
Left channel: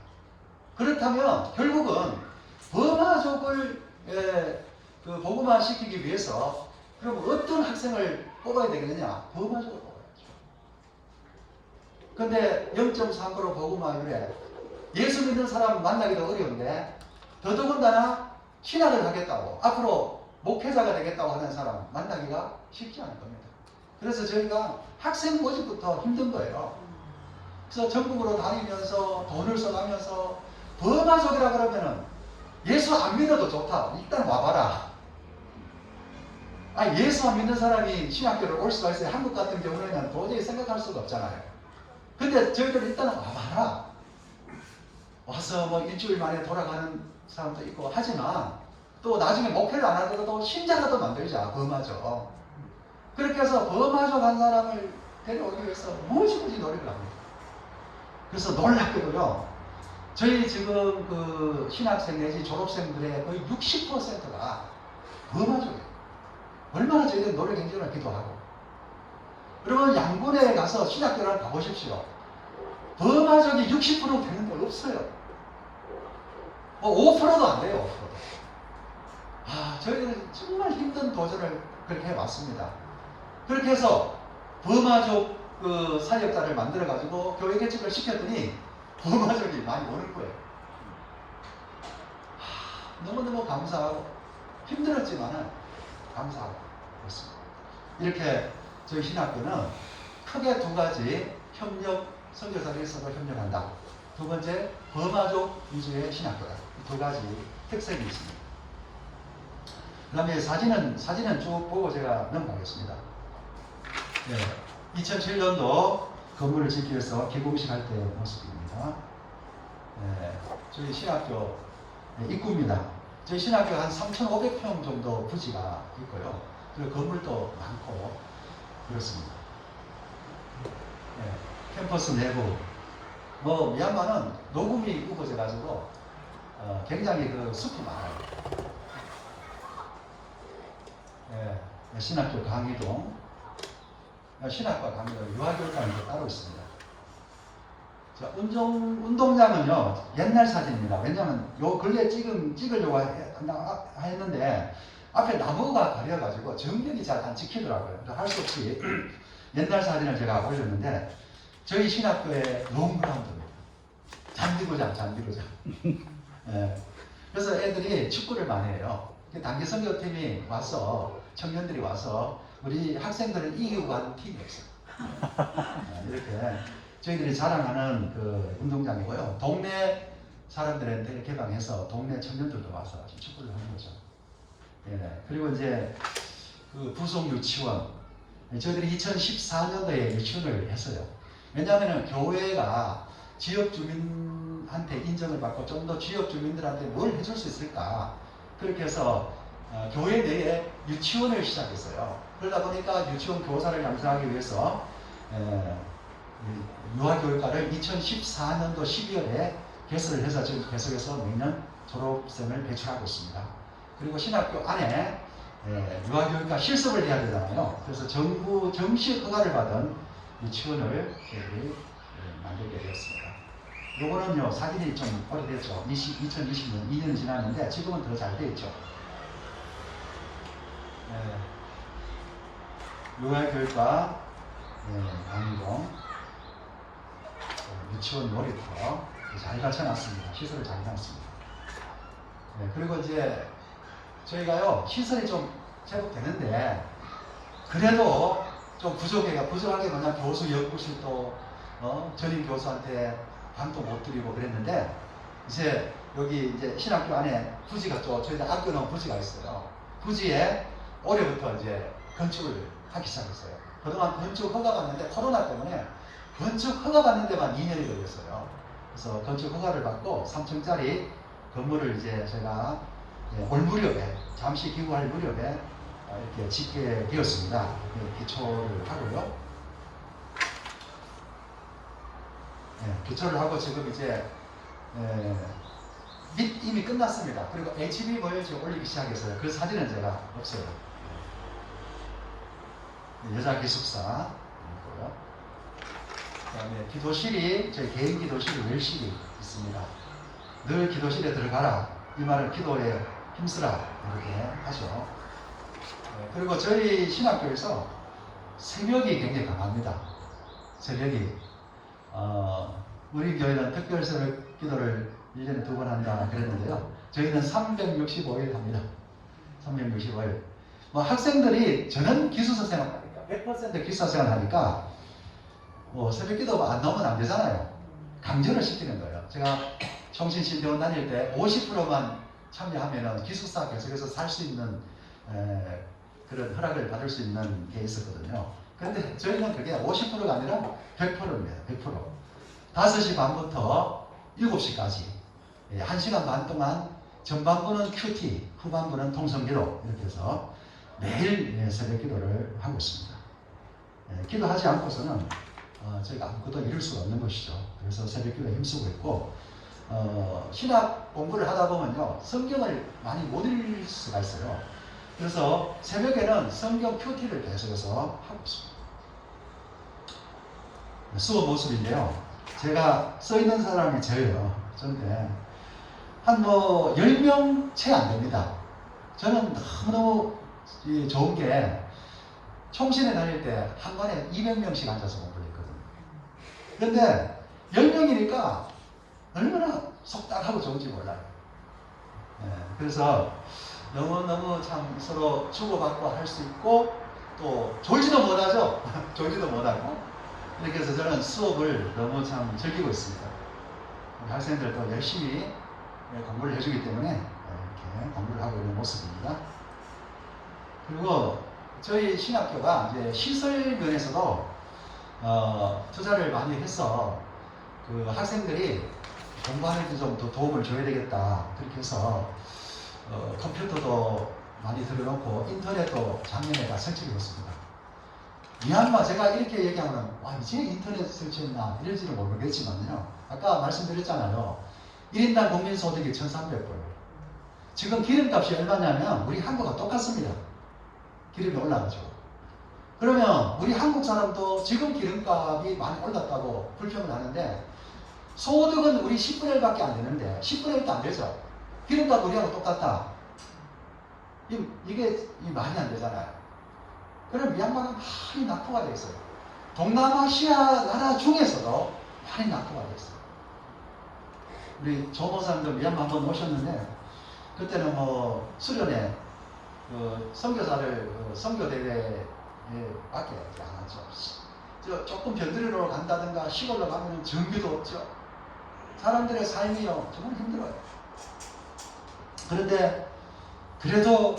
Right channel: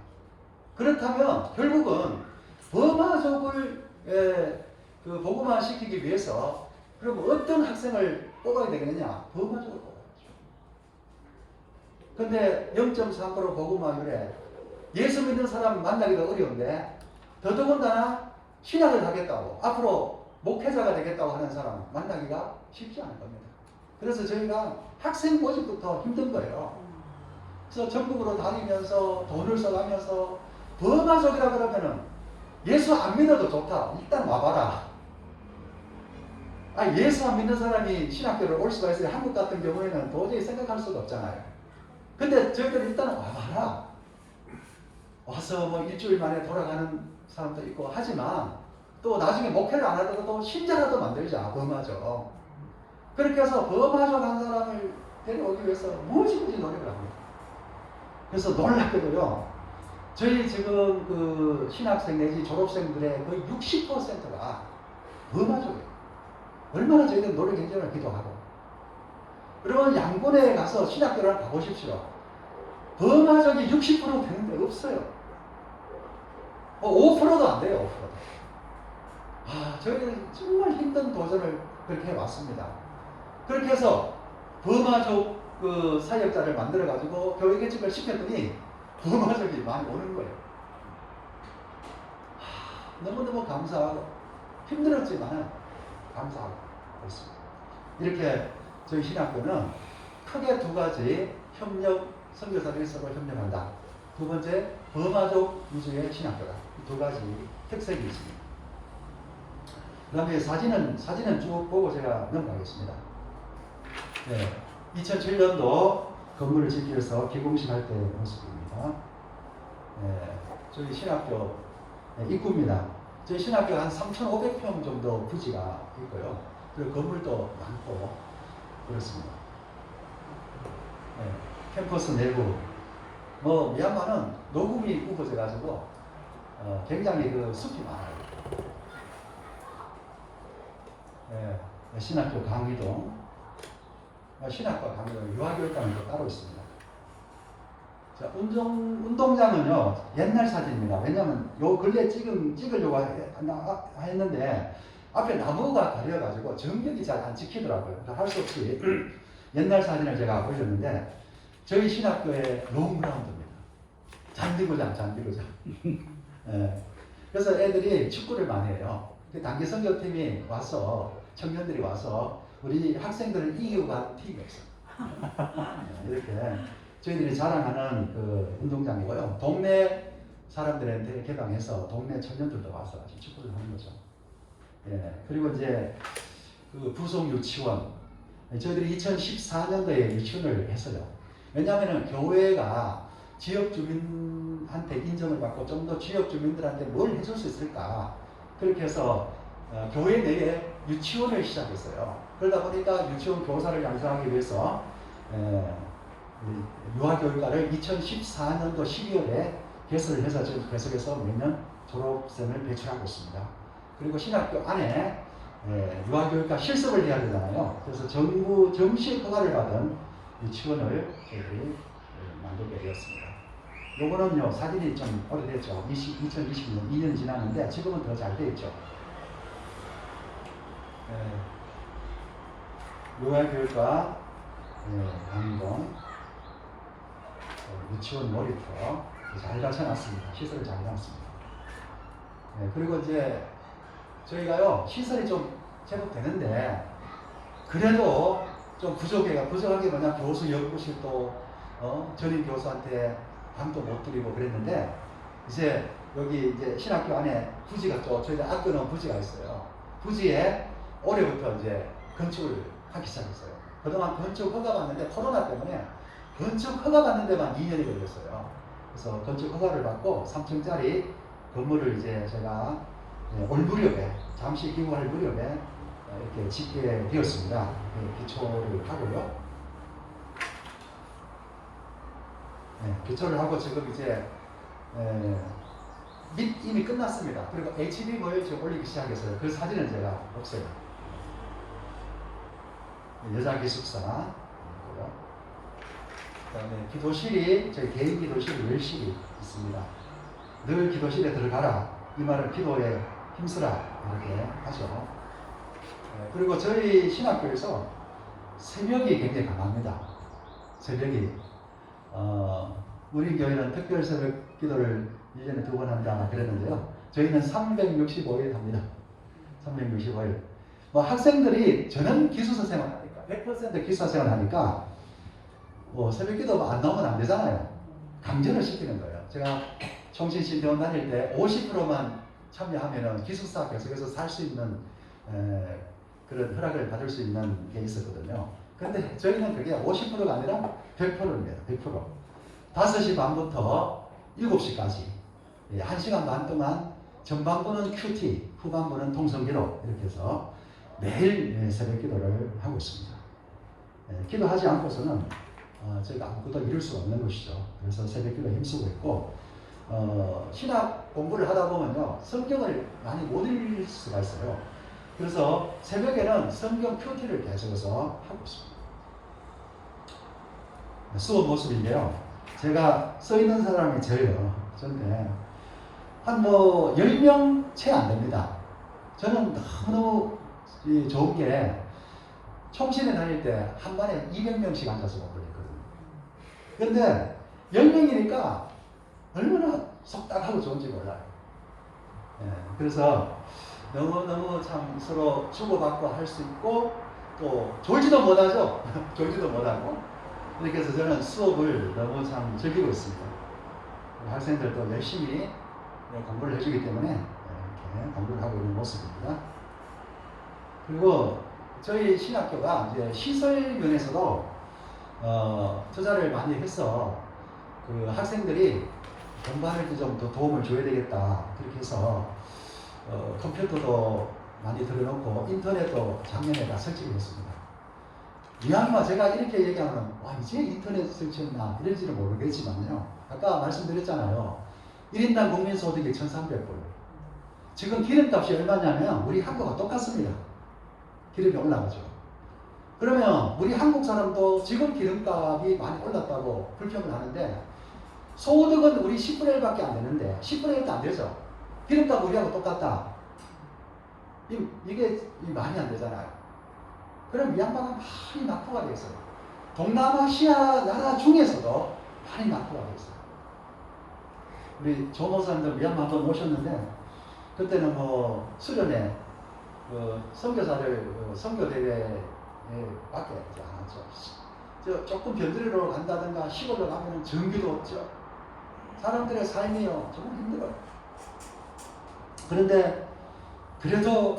그렇다면 결국은 버마족을 그 복음화 시키기 위해서 그럼 어떤 학생을 뽑아야 되겠느냐? 버마족을 뽑아야죠. 근데 0.3% 복음화율에 예수 믿는 사람 만나기도 어려운데 더더군다나 신학을 하겠다고 앞으로 목회자가 되겠다고 하는 사람 만나기가 쉽지 않을 겁니다. 그래서 저희가 학생 모집부터 힘든 거예요. 그래서 전국으로 다니면서 돈을 써가면서 버마족이라 그러면은 예수 안 믿어도 좋다. 일단 와봐라. 예수 안 믿는 사람이 신학교를 올 수가 있어요. 한국 같은 경우에는 도저히 생각할 수가 없잖아요. 근데 저희들 일단 와봐라. 와서 뭐 일주일 만에 돌아가는 사람도 있고 하지만 또 나중에 목회를 안 하더라도 신자라도 만들자. 버마족. 그렇게 해서 버마족 한 사람을 데려오기 위해서 무엇이든지 노력을 합니다. 그래서 놀랍게도요. 저희 지금 그 신학생 내지 졸업생들의 거의 60%가 버마족이에요. 얼마나 저희들 노력 경쟁을 기도하고. 여러분 양곤에 가서 신학교를 가보십시오. 버마족이 60% 되는 데 없어요. 5%도 안 돼요. 5%. 저희들은 정말 힘든 도전을 그렇게 해왔습니다. 그렇게 해서 버마족 그 사역자를 만들어가지고 교회 개척을 시켰더니 버마족이 많이 오는 거예요. 너무너무 감사하고 힘들었지만은 감사하고 있습니다. 이렇게 저희 신학교는 크게 두 가지 협력, 선교사들이 서로 협력한다. 두 번째, 버마족 위주의 신학교다. 두 가지 특색이 있습니다. 그 다음에 사진은 쭉 보고 제가 넘어가겠습니다. 네, 2007년도 건물을 짓기 위해서 기공식 할 때 모습입니다. 네, 저희 신학교 입구입니다. 저희 신학교 한 3,500평 정도 부지가 있고요. 그리고 건물도 많고 그렇습니다. 네, 캠퍼스 내부 미얀마는 녹음이 우거져 가지고 굉장히 그 숲이 많아요. 네, 신학교 강의동, 신학과 강의동, 유아교육관이 따로 있습니다. 자, 운동장은요 옛날 사진입니다. 왜냐하면 요 근래 찍으려고 했는데 앞에 나무가 가려가지고 정면이 잘 안 찍히더라고요. 할 수 없이 옛날 사진을 제가 올렸는데 저희 신학교의 롱그라운드입니다. 잔디구장. 네. 그래서 애들이 축구를 많이 해요. 단기 선교팀이 와서 청년들이 와서 우리 학생들을 이기고 가는 팀이 없어요. 이렇게 저희들이 자랑하는 그 운동장이고요. 동네 사람들한테 개방해서 동네 청년들도 와서 축구를 하는 거죠. 예. 그리고 이제 그 부속 유치원 저희들이 2014년도에 유치원을 했어요. 왜냐하면 교회가 지역 주민한테 인정을 받고 좀 더 지역 주민들한테 뭘 해줄 수 있을까 그렇게 해서 교회 내에 유치원을 시작했어요. 그러다 보니까 유치원 교사를 양성하기 위해서 유아교육과를 2014년도 12월에 개설을 해서 지금 계속해서 매년 졸업생을 배출하고 있습니다. 그리고 신학교 안에 유아교육과 실습을 해야 되잖아요. 그래서 정부 정식 허가를 받은 유치원을 저희들이 만들게 되었습니다. 요거는요 사진이 좀 오래됐죠. 2020년 2년 지났는데 지금은 더 잘 되어 있죠. 유아교육과 강의동, 유치원 놀이터 잘 갖춰놨습니다. 시설을 잘 해놨습니다. 그리고 이제 저희가요 시설이 좀 제법 되는데 그래도 좀 부족한 게 뭐냐, 교수 연구실도 전임 교수한테 방도 못 드리고 그랬는데 이제 여기 이제 신학교 안에 부지가 또 저희들 학교는 부지가 있어요. 부지에 올해부터 이제 건축을 하기 시작했어요. 그동안 건축 허가 받는데 코로나 때문에 건축 허가 받는 데만 2년이 걸렸어요. 그래서 건축 허가를 받고 3층짜리 건물을 이제 제가 올 무렵에 잠시 기부할 무렵에 이렇게 짓게 되었습니다. 기초를 하고요. 기초를 하고 지금 이제 이미 끝났습니다. 그리고 HBM을 지금 올리기 시작했어요. 그 사진은 제가 없어요. 여자 기숙사 있고요. 그다음에 기도실이 저희 개인 기도실이 열실이 있습니다. 늘 기도실에 들어가라. 이 말은 기도에 힘쓰라 이렇게 하죠. 그리고 저희 신학교에서 새벽이 굉장히 강합니다. 새벽이 우리 교회는 특별 새벽 기도를 1년에 2번 한다 그랬는데요. 저희는 365일 합니다. 365일. 뭐 학생들이 저는 기숙사 생활하니까 100% 기숙사 생활하니까 뭐 새벽 기도 안 나오면 안 되잖아요. 강제를 시키는 거예요. 제가 청신신대원 다닐 때 50%만 참여하면은 기숙사 계속해서 살 수 있는 그런 허락을 받을 수 있는 게 있었거든요. 그런데 저희는 그게 50%가 아니라 100%입니다. 100%. 5시 반부터 7시까지 1시간 반 동안 전반부는 큐티, 후반부는 통성기도 이렇게 해서 매일 새벽 기도를 하고 있습니다. 기도하지 않고서는 저희가 아무것도 이룰 수 없는 것이죠. 그래서 새벽 기도에 힘쓰고 있고 신학 공부를 하다 보면요 성경을 많이 못 읽을 수가 있어요. 그래서 새벽에는 성경 큐티를 계속해서 하고 있습니다. 수업 모습인데요. 제가 써 있는 사람이 저예요. 저인데 한 뭐 10명 채 안 됩니다. 저는 너무 좋은 게 총신에 다닐 때 한 반에 200명씩 앉아서 공부를 했거든요. 그런데 10명이니까 얼마나 속닥하고 좋은지 몰라요. 그래서 너무너무 참 서로 주고받고 할 수 있고 또 졸지도 못하죠. 졸지도 못하고 이렇게 해서 저는 수업을 너무 참 즐기고 있습니다. 학생들도 열심히 공부를 해주기 때문에 이렇게 공부를 하고 있는 모습입니다. 그리고 저희 신학교가 이제 시설 면에서도 투자를 많이 해서 그 학생들이 공부하는 데 좀 더 도움을 줘야 되겠다. 그렇게 해서 컴퓨터도 많이 들어놓고 인터넷도 작년에 다 설치했습니다. 미얀마 제가 이렇게 얘기하면 와 이제 인터넷 설치했나 이럴지는 모르겠지만요. 아까 말씀드렸잖아요. 1인당 국민소득이 1,300불. 지금 기름값이 얼마냐면 우리 한국과 똑같습니다. 기름이 올라가죠. 그러면 우리 한국 사람도 지금 기름값이 많이 올랐다고 불평을 하는데 소득은 우리 10분의 1밖에 안 되는데 10분의 1도 안 되죠. 기름값 우리하고 똑같다. 이게 말이 안 되잖아요. 그럼 미얀마가 많이 낙후가 되어 있어요. 동남아시아 나라 중에서도 많이 낙후가 되어 있어요. 우리 조모사님들 미얀마 한번 모셨는데 그때는 뭐 수련회 선교사를 선교대회에 밖에 안 하죠. 조금 변두리로 간다든가 시골로 가면 전기도 없죠. 사람들의 삶이요 정말 힘들어요. 그런데 그래도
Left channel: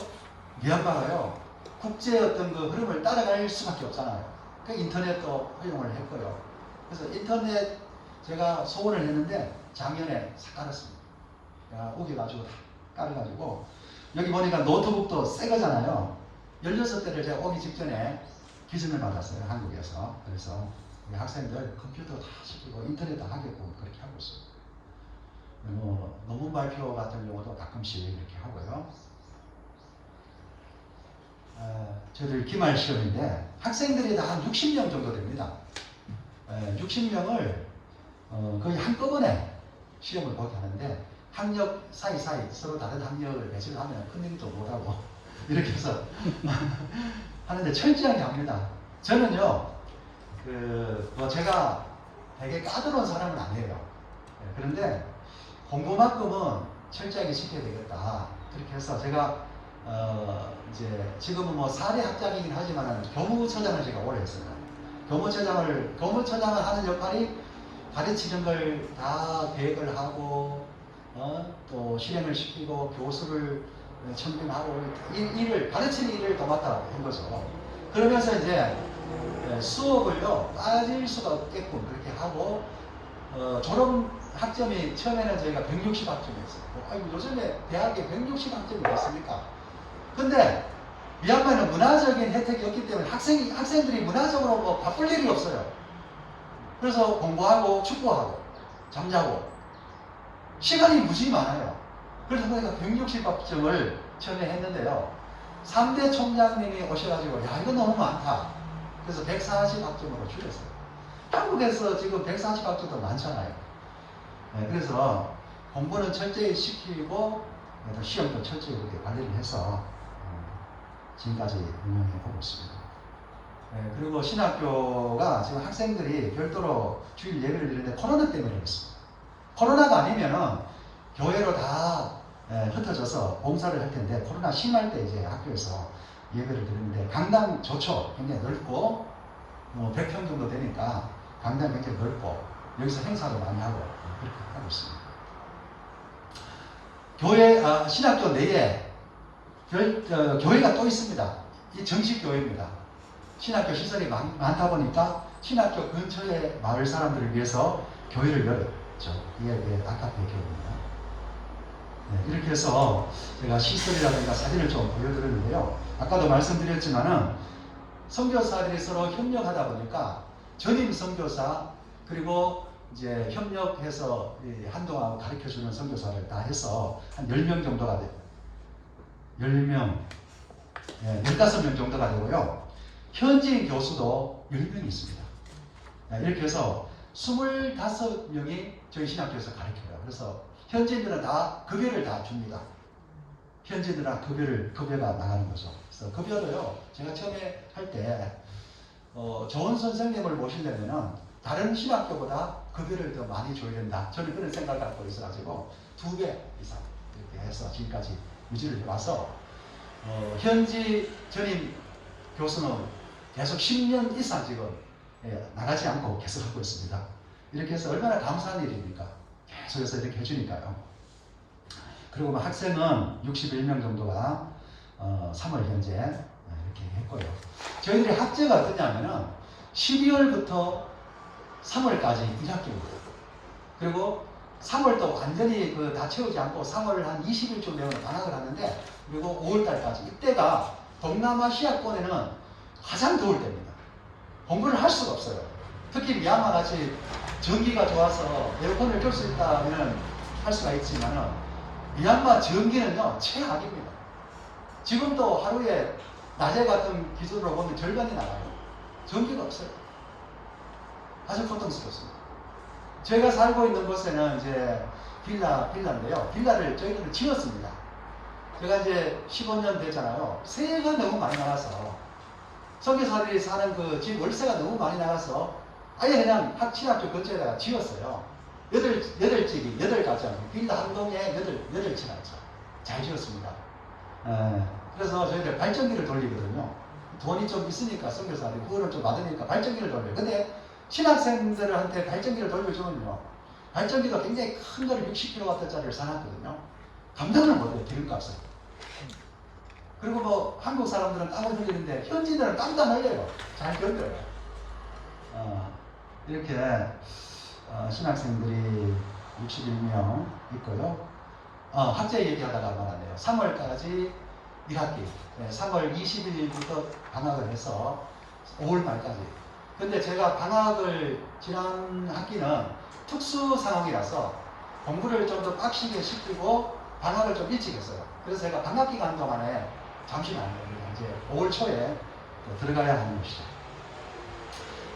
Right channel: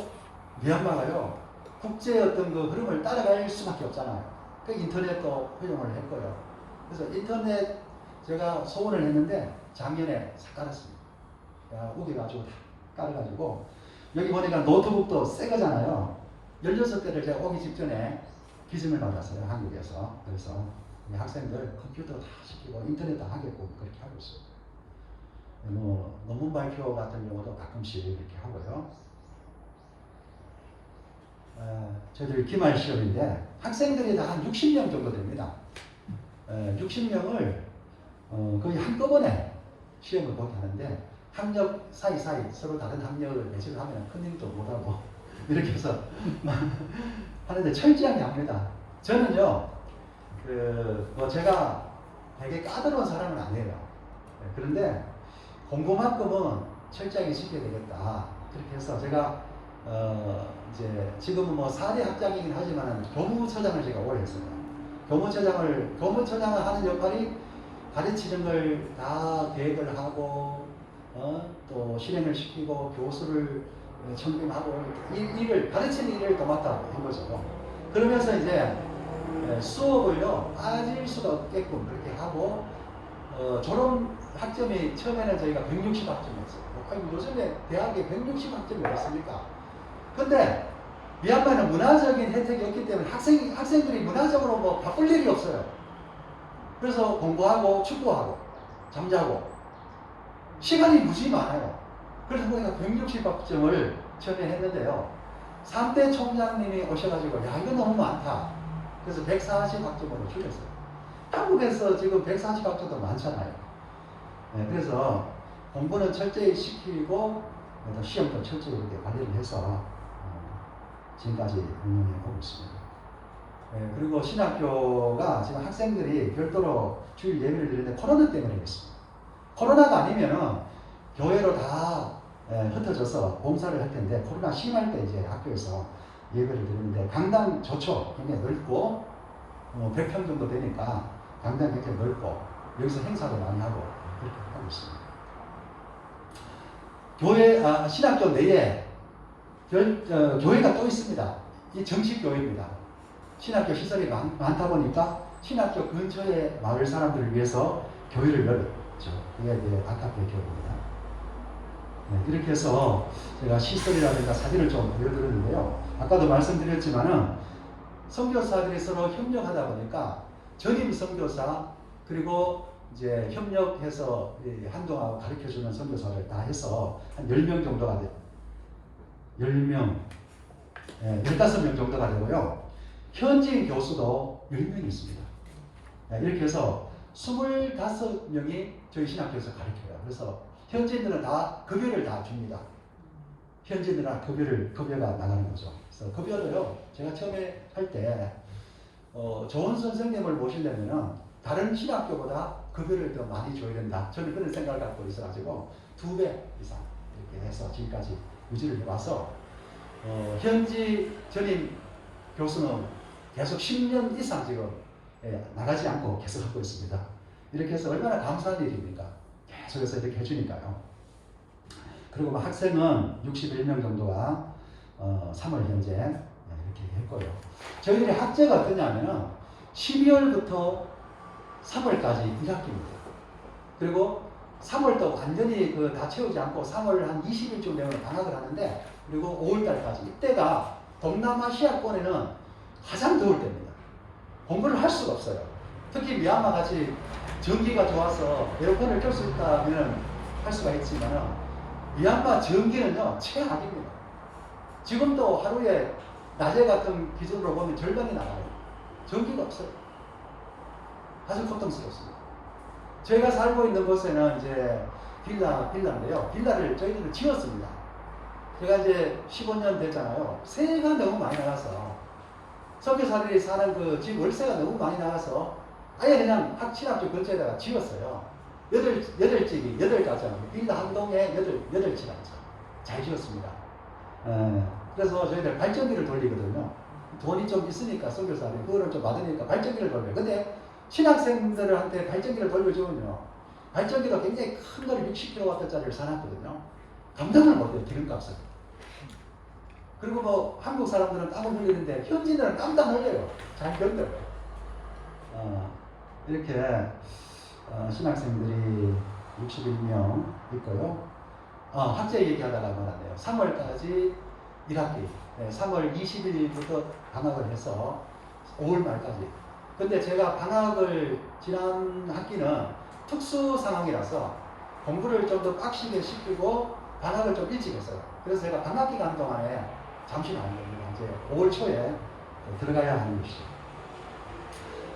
미얀마가요 국제 어떤 그 흐름을 따라갈 수밖에 없잖아요. 그 인터넷도 허용을 했고요. 그래서 인터넷 제가 소원을 했는데 작년에 싹 깔았습니다. 우겨가지고 깔아가지고 여기 보니까 노트북도 새 거잖아요. 16대를 제가 오기 직전에 기증을 받았어요. 한국에서. 그래서 우리 학생들 컴퓨터 다 시키고 인터넷 다 하게끔 그렇게 하고 있어요. 뭐 논문 발표 같은 경우도 가끔씩 이렇게 하고요. 저희들 기말 시험인데 학생들이 다 한 60명 정도 됩니다. 60명을 거의 한꺼번에 시험을 보게 하는데 학력 사이사이 서로 다른 학력을 매치를 하면 큰 일도 못하고 이렇게 해서 하는데 철저하게 합니다. 저는요 제가 되게 까다로운 사람은 아니에요. 그런데 공부만큼은 철저하게 시켜야 되겠다. 그렇게 해서 제가 이제 지금은 뭐 사대 학장이긴 하지만 교무처장을 제가 오래 했습니다. 교무처장을 하는 역할이 가르치는 걸 다 계획을 하고 또 실행을 시키고 교수를 청빙하고 가르치는 일을 도맡아 한 거죠. 그러면서 이제 수업을요 빠질 수가 없게끔 그렇게 하고 졸업 학점이 처음에는 저희가 160학점이었어요. 아니, 요즘에 대학에 160학점이 어딨습니까? 근데 미얀마는 문화적인 혜택이 없기 때문에 학생들이 문화적으로 뭐 바쁠 일이 없어요. 그래서 공부하고 축구하고 잠자고 시간이 무지 많아요. 그래서 저희가 160학점을 처음에 했는데요. 3대 총장님이 오셔가지고 야 이거 너무 많다. 그래서 140학점으로 줄였어요. 한국에서 지금 140학점도 많잖아요. 그래서 공부는 철저히 시키고 시험도 철저히 이렇게 관리를 해서 지금까지 운영해 보고 있습니다. 그리고 신학교가 지금 학생들이 별도로 주일 예배를 드리는데 코로나 때문에 그렇습니다. 코로나가 아니면은 교회로 다 흩어져서 봉사를 할 텐데 코로나 심할 때 이제 학교에서 예배를 드리는데 강당 좋죠. 굉장히 넓고 100평 정도 되니까 강당 굉장히 넓고 여기서 행사도 많이 하고 그렇게 하고 있습니다. 신학교 내에 교회가 또 있습니다. 이 정식 교회입니다. 신학교 시설이 많다 보니까 신학교 근처의 마을 사람들을 위해서 교회를 열었죠. 이게 아카페 교회입니다. 이렇게 해서 제가 시설이라든가 사진을 좀 보여드렸는데요. 아까도 말씀드렸지만은 선교사들이 서로 협력하다 보니까 전임 선교사 그리고 이제 협력해서 한동안 가르쳐주는 선교사를 다 해서 한 10명 정도가 돼요. 10명, 15명 정도가 되고요. 현지인 교수도 10명이 있습니다. 이렇게 해서 25명이 저희 신학교에서 가르쳐요. 그래서 현지인들은 다 급여를 다 줍니다. 현지인들은 급여가 나가는 거죠. 그래서 급여도요, 제가 처음에 할 때, 좋은 선생님을 모시려면은 다른 신학교보다 급여를 더 많이 줘야 된다. 저는 그런 생각을 갖고 있어가지고 2배 이상 이렇게 해서 지금까지 유지를 해와서, 현지 전임 교수는 계속 10년 이상 지금 나가지 않고 계속 하고 있습니다. 이렇게 해서 얼마나 감사한 일입니까? 계속해서 이렇게 해주니까요. 그리고 뭐 학생은 61명 정도와 3월 현재 이렇게 했고요. 저희들이 학제가 어떠냐면은 12월부터 3월까지 1학기입니다. 그리고 3월도 완전히 다 채우지 않고 3월 한 20일쯤 되면 방학을 하는데 그리고 5월달까지 이때가 동남아시아권에는 가장 더울 때입니다. 공부를 할 수가 없어요. 특히 미얀마 같이 전기가 좋아서 에어컨을 켤 수 있다면 할 수가 있지만은 미얀마 전기는요 최악입니다. 지금도 하루에 낮에 같은 기준으로 보면 절반이 나가요. 전기가 없어요. 아주 고통스럽습니다. 제가 살고 있는 곳에는 이제 빌라인데요. 빌라를 저희들은 지었습니다. 제가 이제 15년 됐잖아요. 세가 너무 많이 나가서 선교사들이 사는 그 집 월세가 너무 많이 나가서 아예 그냥 신학교 근처에다가 지었어요. 8가짜리 빌라 한 동에 8채가 있죠. 잘 지었습니다. 그래서 저희들 발전기를 돌리거든요. 돈이 좀 있으니까 선교사들이 그거를 좀 받으니까 발전기를 돌려요. 근데 신학생들한테 발전기를 돌려주면요. 발전기가 굉장히 큰 거를 60kW짜리를 사놨거든요. 감당을 못해요. 기름값을. 그리고 뭐 한국 사람들은 땀을 흘리는데 현지인들은 땀도 안 흘려요. 잘 견뎌요. 이렇게 신학생들이 61명 있고요. 학제 얘기하다가 말았네요. 3월까지 1학기, 3월 20일부터 방학을 해서 5월 말까지. 근데 제가 방학을 지난 학기는 특수 상황이라서 공부를 좀 더 빡시게 시키고 방학을 좀 일찍 했어요. 그래서 제가 방학 기간 동안에 잠시 나온 겁니다. 이제 5월 초에 들어가야 하는 것이죠.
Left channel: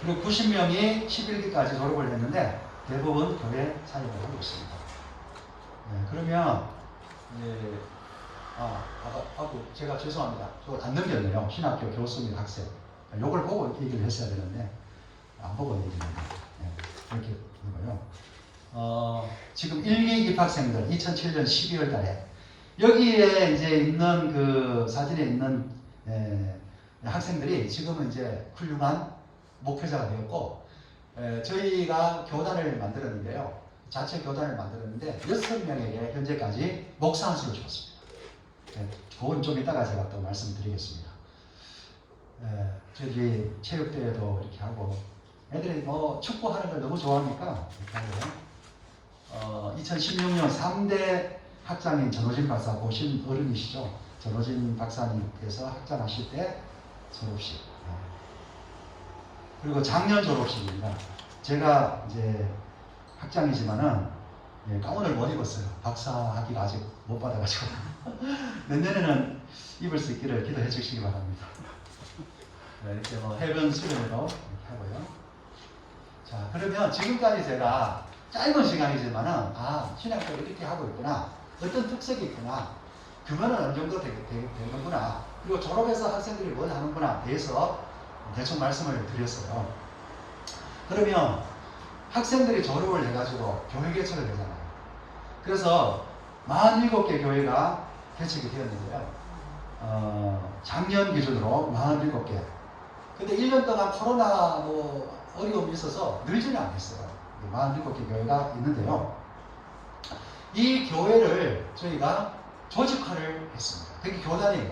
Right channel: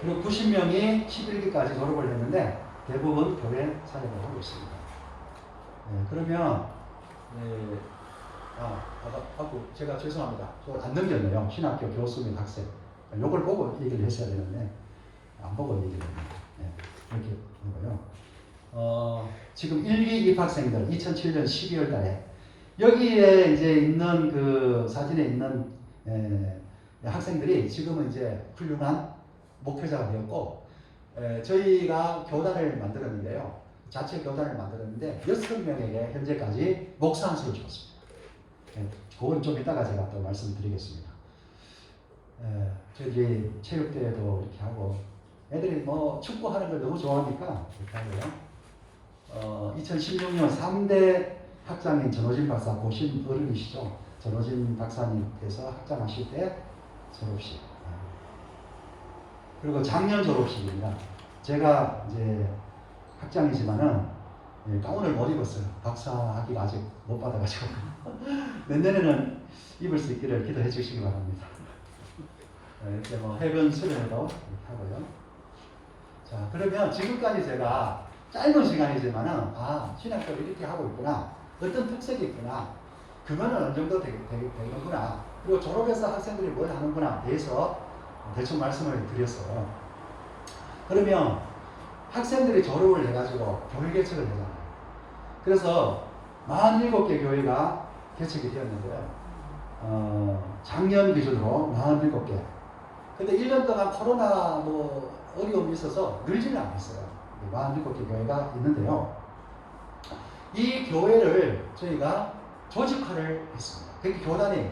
그리고 90명이 11기까지 졸업을 했는데 대부분 교회 사역을 하고 있습니다. 그러면 제가 죄송합니다. 저거 안 넘겼네요. 신학교 교수 및 학생. 요걸 보고 얘기를 했어야 되는데 안 보고 얘기를 해요. 네, 이렇게 되고요. 지금 1기 입학생들 2007년 12월 달에 여기에 이제 있는 그 사진에 있는 학생들이 지금은 이제 훌륭한 목회자가 되었고 저희가 교단을 만들었는데요. 자체 교단을 만들었는데 6명에게 현재까지 목사 안수를 줬습니다. 그건 좀 이따가 제가 또 말씀드리겠습니다. 저희들이 체육대회도 이렇게 하고 애들이 뭐 축구하는 걸 너무 좋아하니까 이렇게 하고요. 2016년 3대 학장인 전호진 박사 보신 어른이시죠. 전호진 박사님께서 학장하실 때 졸업식. 그리고 작년 졸업식입니다. 제가 이제 학장이지만은 가운을 못 입었어요. 박사 학위가 아직 못 받아가지고 내년에는 입을 수 있기를 기도해 주시기 바랍니다. 이렇게 뭐 해변 수련회도 이렇게 하고요. 자, 그러면 지금까지 제가 짧은 시간이지만은 신학교를 이렇게 하고 있구나. 어떤 특색이 있구나. 그거는 어느 정도 되는구나. 그리고 졸업해서 학생들이 뭘 하는구나 대해서 대충 말씀을 드렸어요. 그러면 학생들이 졸업을 해가지고 교회 개척을 되잖아요. 그래서 47개 교회가 개척이 되었는데요. 작년 기준으로 47개. 근데 1년 동안 코로나 뭐 어려움이 있어서 늘지는 않았어요. 47개 교회가 있는데요. 이 교회를 저희가 조직화를 했습니다. 그게 교단이에요.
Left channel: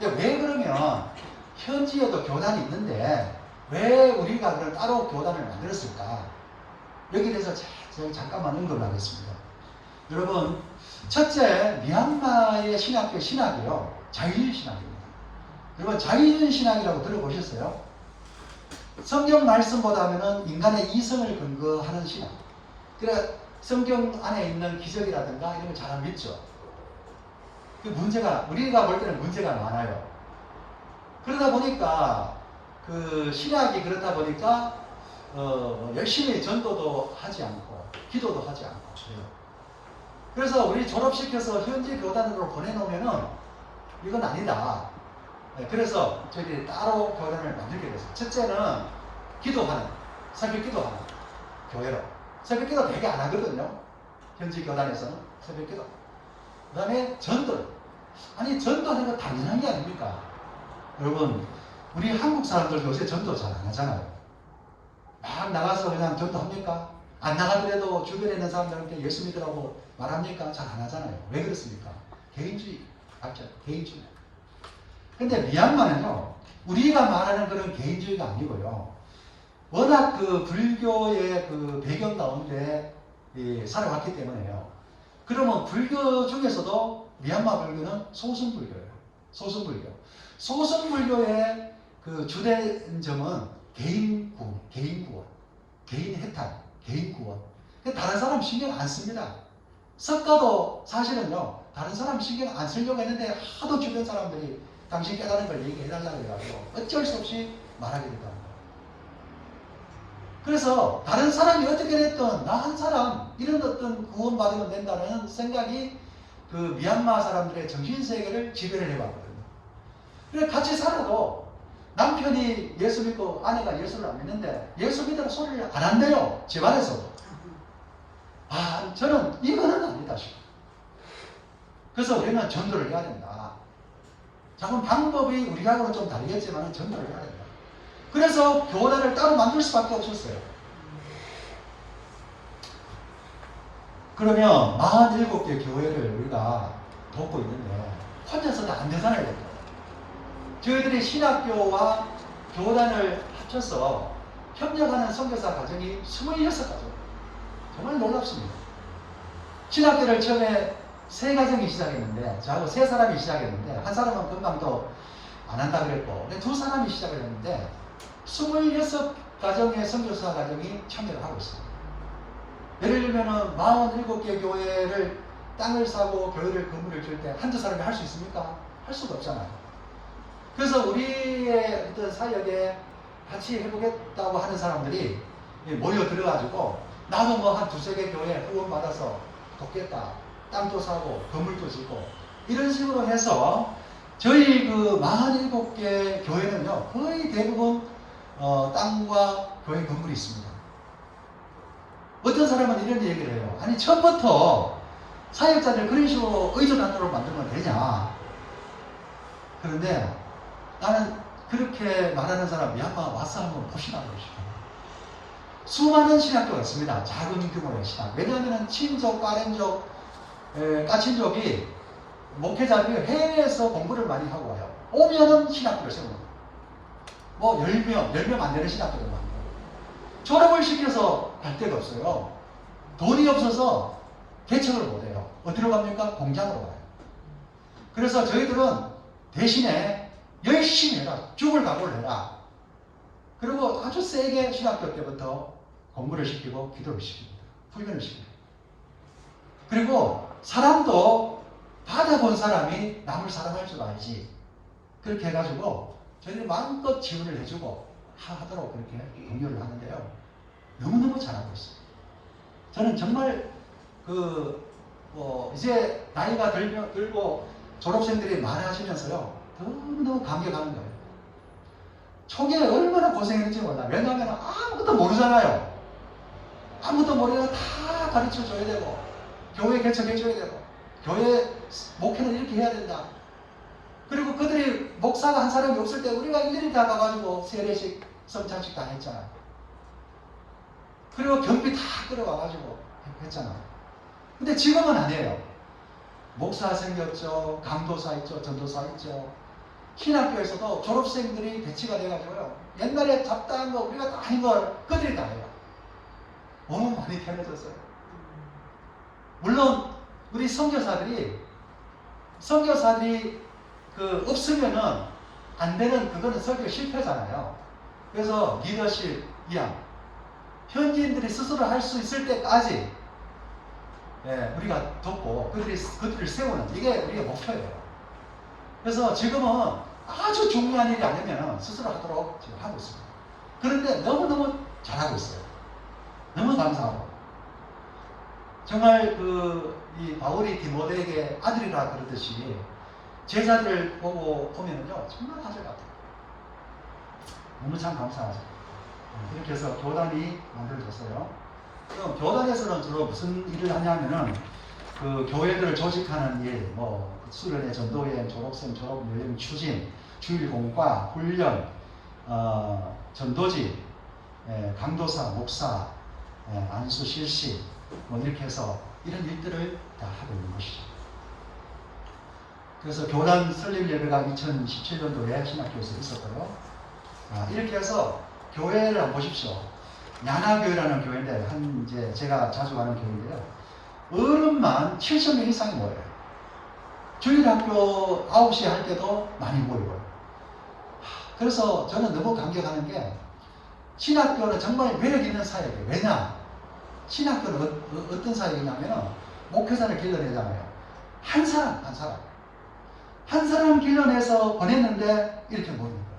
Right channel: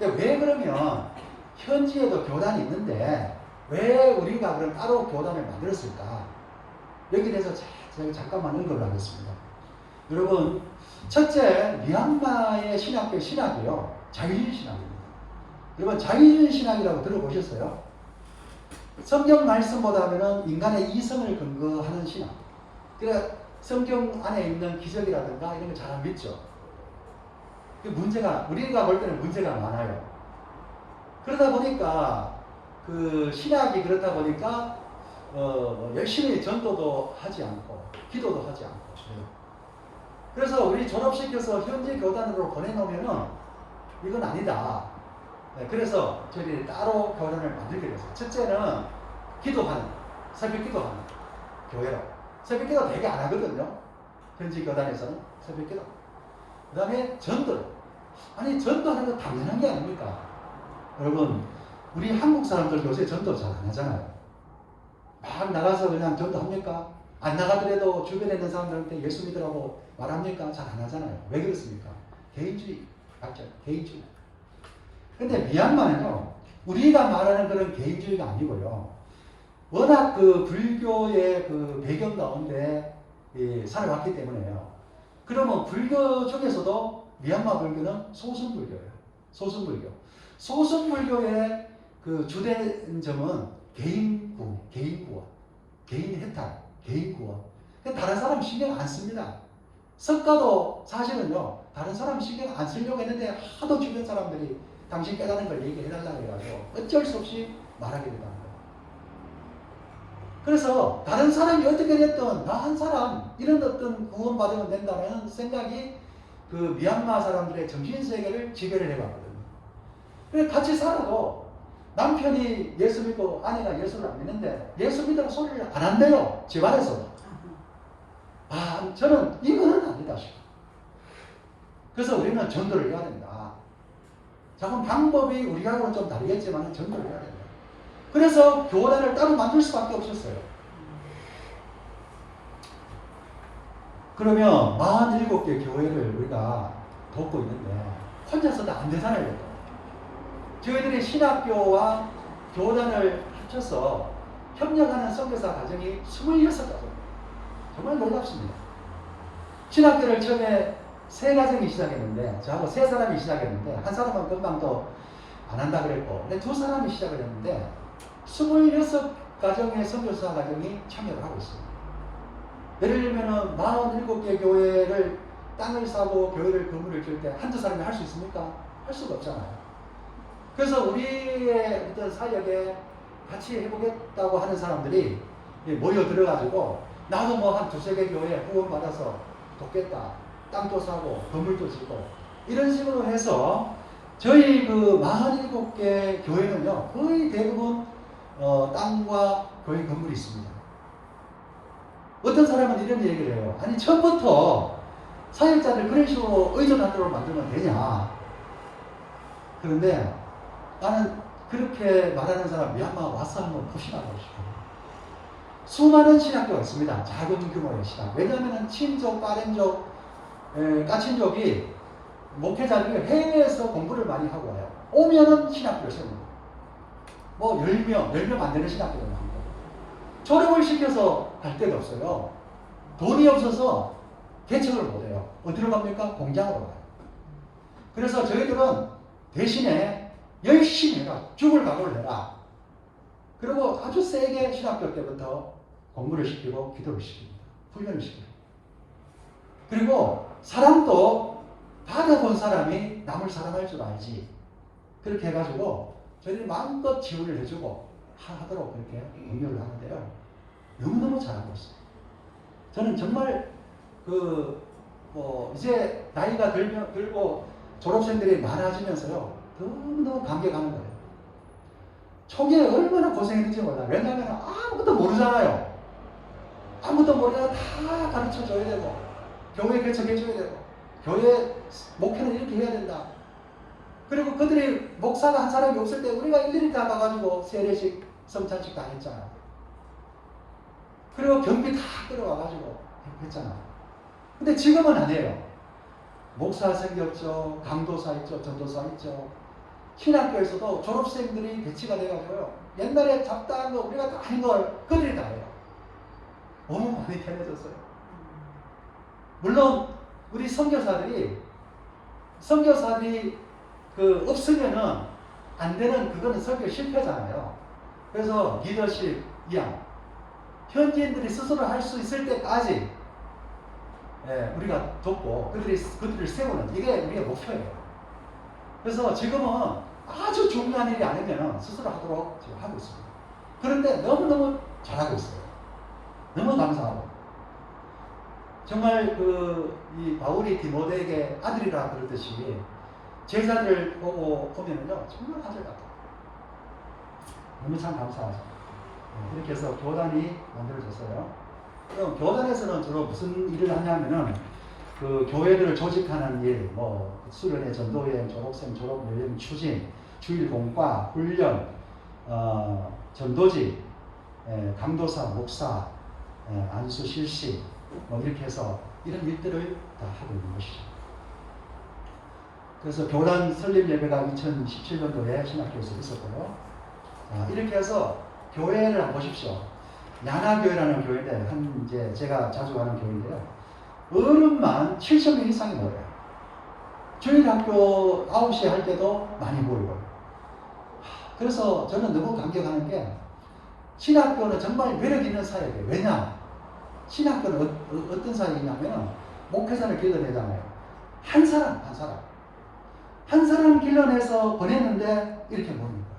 왜 그러면 현지에도 교단이 있는데 왜 우리가 그럼 따로 교단을 만들었을까? 여기에 대해서 제가 잠깐만 언급을 하겠습니다. 여러분, 첫째, 미얀마의 신학교 신학이요. 자유주의 신학입니다. 여러분, 자유주의 신학이라고 들어보셨어요? 성경 말씀보다는 인간의 이성을 근거하는 신학. 그러니까 성경 안에 있는 기적이라든가 이런 거 잘 안 믿죠. 그 문제가, 우리가 볼 때는 문제가 많아요. 그러다 보니까 그 신학이 그렇다 보니까 열심히 전도도 하지 않고 기도도 하지 않고 그래서 우리 졸업시켜서 현지 교단으로 보내놓으면은 이건 아니다. 그래서 저희들이 따로 교단을 만들게 됐어요. 첫째는 기도하는, 새벽 기도하는 교회로. 새벽 기도 되게 안 하거든요. 현지 교단에서는 새벽 기도. 그 다음에 전도. 아니 전도하는 거 당연한 게 아닙니까? 여러분, 우리 한국 사람들 요새 전도 잘 안 하잖아요. 막 나가서 그냥 전도합니까? 안 나가더라도 주변에 있는 사람들한테 예수 믿으라고 말합니까? 잘 안 하잖아요. 왜 그렇습니까? 개인주의. 맞죠? 개인주의. 근데 미얀마는요, 우리가 말하는 그런 개인주의가 아니고요. 워낙 그 불교의 그 배경 가운데 살아왔기 때문에요. 그러면 불교 중에서도 미얀마 불교는 소승불교예요. 소승불교. 소승불교의 그 주된 점은 개인 구원, 개인 해탈, 개인 구원. 다른 사람 신경 안 씁니다. 석가도 사실은요, 다른 사람 신경 안 쓰려고 했는데 하도 주변 사람들이 당신 깨달은 걸 얘기해달라고 해가지고 어쩔 수 없이 말하게 된다는 거예요. 그래서 다른 사람이 어떻게 됐든 나 한 사람 이런 어떤 구원받으면 된다는 생각이 그 미얀마 사람들의 정신세계를 지배를 해왔거든요. 그래서 같이 살아도 남편이 예수 믿고 아내가 예수를 안 믿는데 예수 믿으라고 소리를 안 한대요. 집안에서. 저는 이거는 아니다 싶어요. 그래서 우리는 전도를 해야 된다. 작은 방법이 우리하고는 좀 다르겠지만 전도를 해야 된다. 그래서 교단을 따로 만들 수밖에 없었어요. 그러면 47개 교회를 우리가 돕고 있는데 혼자서는 안 되잖아요. 저희들이 신학교와 교단을 합쳐서 협력하는 선교사 가정이 26가정. 정말 놀랍습니다. 신학교를 처음에 3가정이 시작했는데 저하고 3사람이 시작했는데 한 사람은 금방 또 안 한다 그랬고 근데 2사람이 시작을 했는데 26가정의 선교사 가정이 참여를 하고 있습니다. 예를 들면 47개 교회를 땅을 사고 교회를 건물을 줄 때 한두 사람이 할 수 있습니까? 할 수가 없잖아요. 그래서 우리의 어떤 사역에 같이 해보겠다고 하는 사람들이 모여 들어가지고 나도 뭐 한 2-3개 교회 후원 받아서 돕겠다. 땅도 사고 건물도 짓고 이런 식으로 해서 저희 그 47개 교회는요 거의 대부분 땅과 교회 건물이 있습니다. 어떤 사람은 이런 얘기를 해요. 아니 처음부터 사역자를 그런 식으로 의존하도록 만들면 되냐. 그런데 나는 그렇게 말하는 사람 미얀마 와서 한번 보시라고 싶어요. 수많은 신학교가 있습니다. 작은 규모의 신학. 왜냐하면 친족, 빠른족, 까친족이 목회자들이 해외에서 공부를 많이 하고 와요. 오면은 신학교를 세웁니다. 뭐 10명 안 되는 신학교를 만들고 졸업을 시켜서 갈 데가 없어요. 돈이 없어서 개척을 못해요. 어디로 갑니까? 공장으로 가요. 그래서 저희들은 대신에 열심히 해라. 죽을 각오를 해라. 그리고 아주 세게 신학교 때부터 공부를 시키고 기도를 시킵니다. 훈련을 시킵니다. 그리고 사람도 받아본 사람이 남을 사랑할 줄 알지. 그렇게 해가지고 저희들이 마음껏 지원을 해주고 하도록 그렇게 공유를 하는데요. 너무너무 잘하고 있어요. 저는 정말 이제 나이가 들고 졸업생들이 많아지면서요. 너무너무 감격하는 거예요. 초기에 얼마나 고생했는지 몰라. 왜냐하면 아무것도 모르잖아요. 아무것도 모르면 다 가르쳐 줘야 되고, 교회 개척해 줘야 되고, 교회 목회는 이렇게 해야 된다. 그리고 그들이 목사가 한 사람이 없을 때 우리가 일일이 다 가가지고 세례식, 성찬식 다 했잖아요. 그리고 경비 다 끌어와가지고 했잖아요. 근데 지금은 아니에요. 목사 생겼죠, 강도사 있죠, 전도사 있죠. 신학교에서도 졸업생들이 배치가 돼가지고요. 옛날에 잡다한 거 우리가 다 한 걸 그들이 다 해요. 너무 많이 편해졌어요. 물론 우리 선교사들이 없으면은 안 되는 그거는 설교 실패잖아요. 그래서 리더십 이양 현지인들이 스스로 할 수 있을 때까지 우리가 돕고 그들을 세우는 이게 우리의 목표예요. 그래서 지금은 아주 중요한 일이 아니면 스스로 하도록 지금 하고 있습니다. 그런데 너무너무 잘하고 있어요. 너무 감사하고. 정말 이 바울이 디모데에게 아들이라 그러듯이 제자들을 보면은요, 정말 아들 같아요. 너무 참 감사하죠. 그렇게 해서 교단이 만들어졌어요. 그럼 교단에서는 주로 무슨 일을 하냐면은 그 교회들을 조직하는 일, 뭐 수련회, 전도회, 졸업생, 졸업 모임 추진, 주일 공과, 훈련, 전도지, 강도사, 목사, 안수 실시, 뭐 이렇게 해서 이런 일들을 다 하고 있는 것이죠. 그래서 교단 설립 예배가 2017년도에 신학교에서 있었고요. 이렇게 해서 교회를 한번 보십시오. 야나교회라는 교회인데, 이제 제가 자주 가는 교회인데요. 어른만 7,000명 이상이 모여요. 주일학교 9시에 할 때도 많이 모이고. 그래서 저는 너무 감격하는 게 신학교는 정말 매력 있는 사역이에요. 왜냐? 신학교는 어떤 사역이냐면 목회자를 길러내잖아요. 한 사람 길러내서 보냈는데 이렇게 모이는 거예요.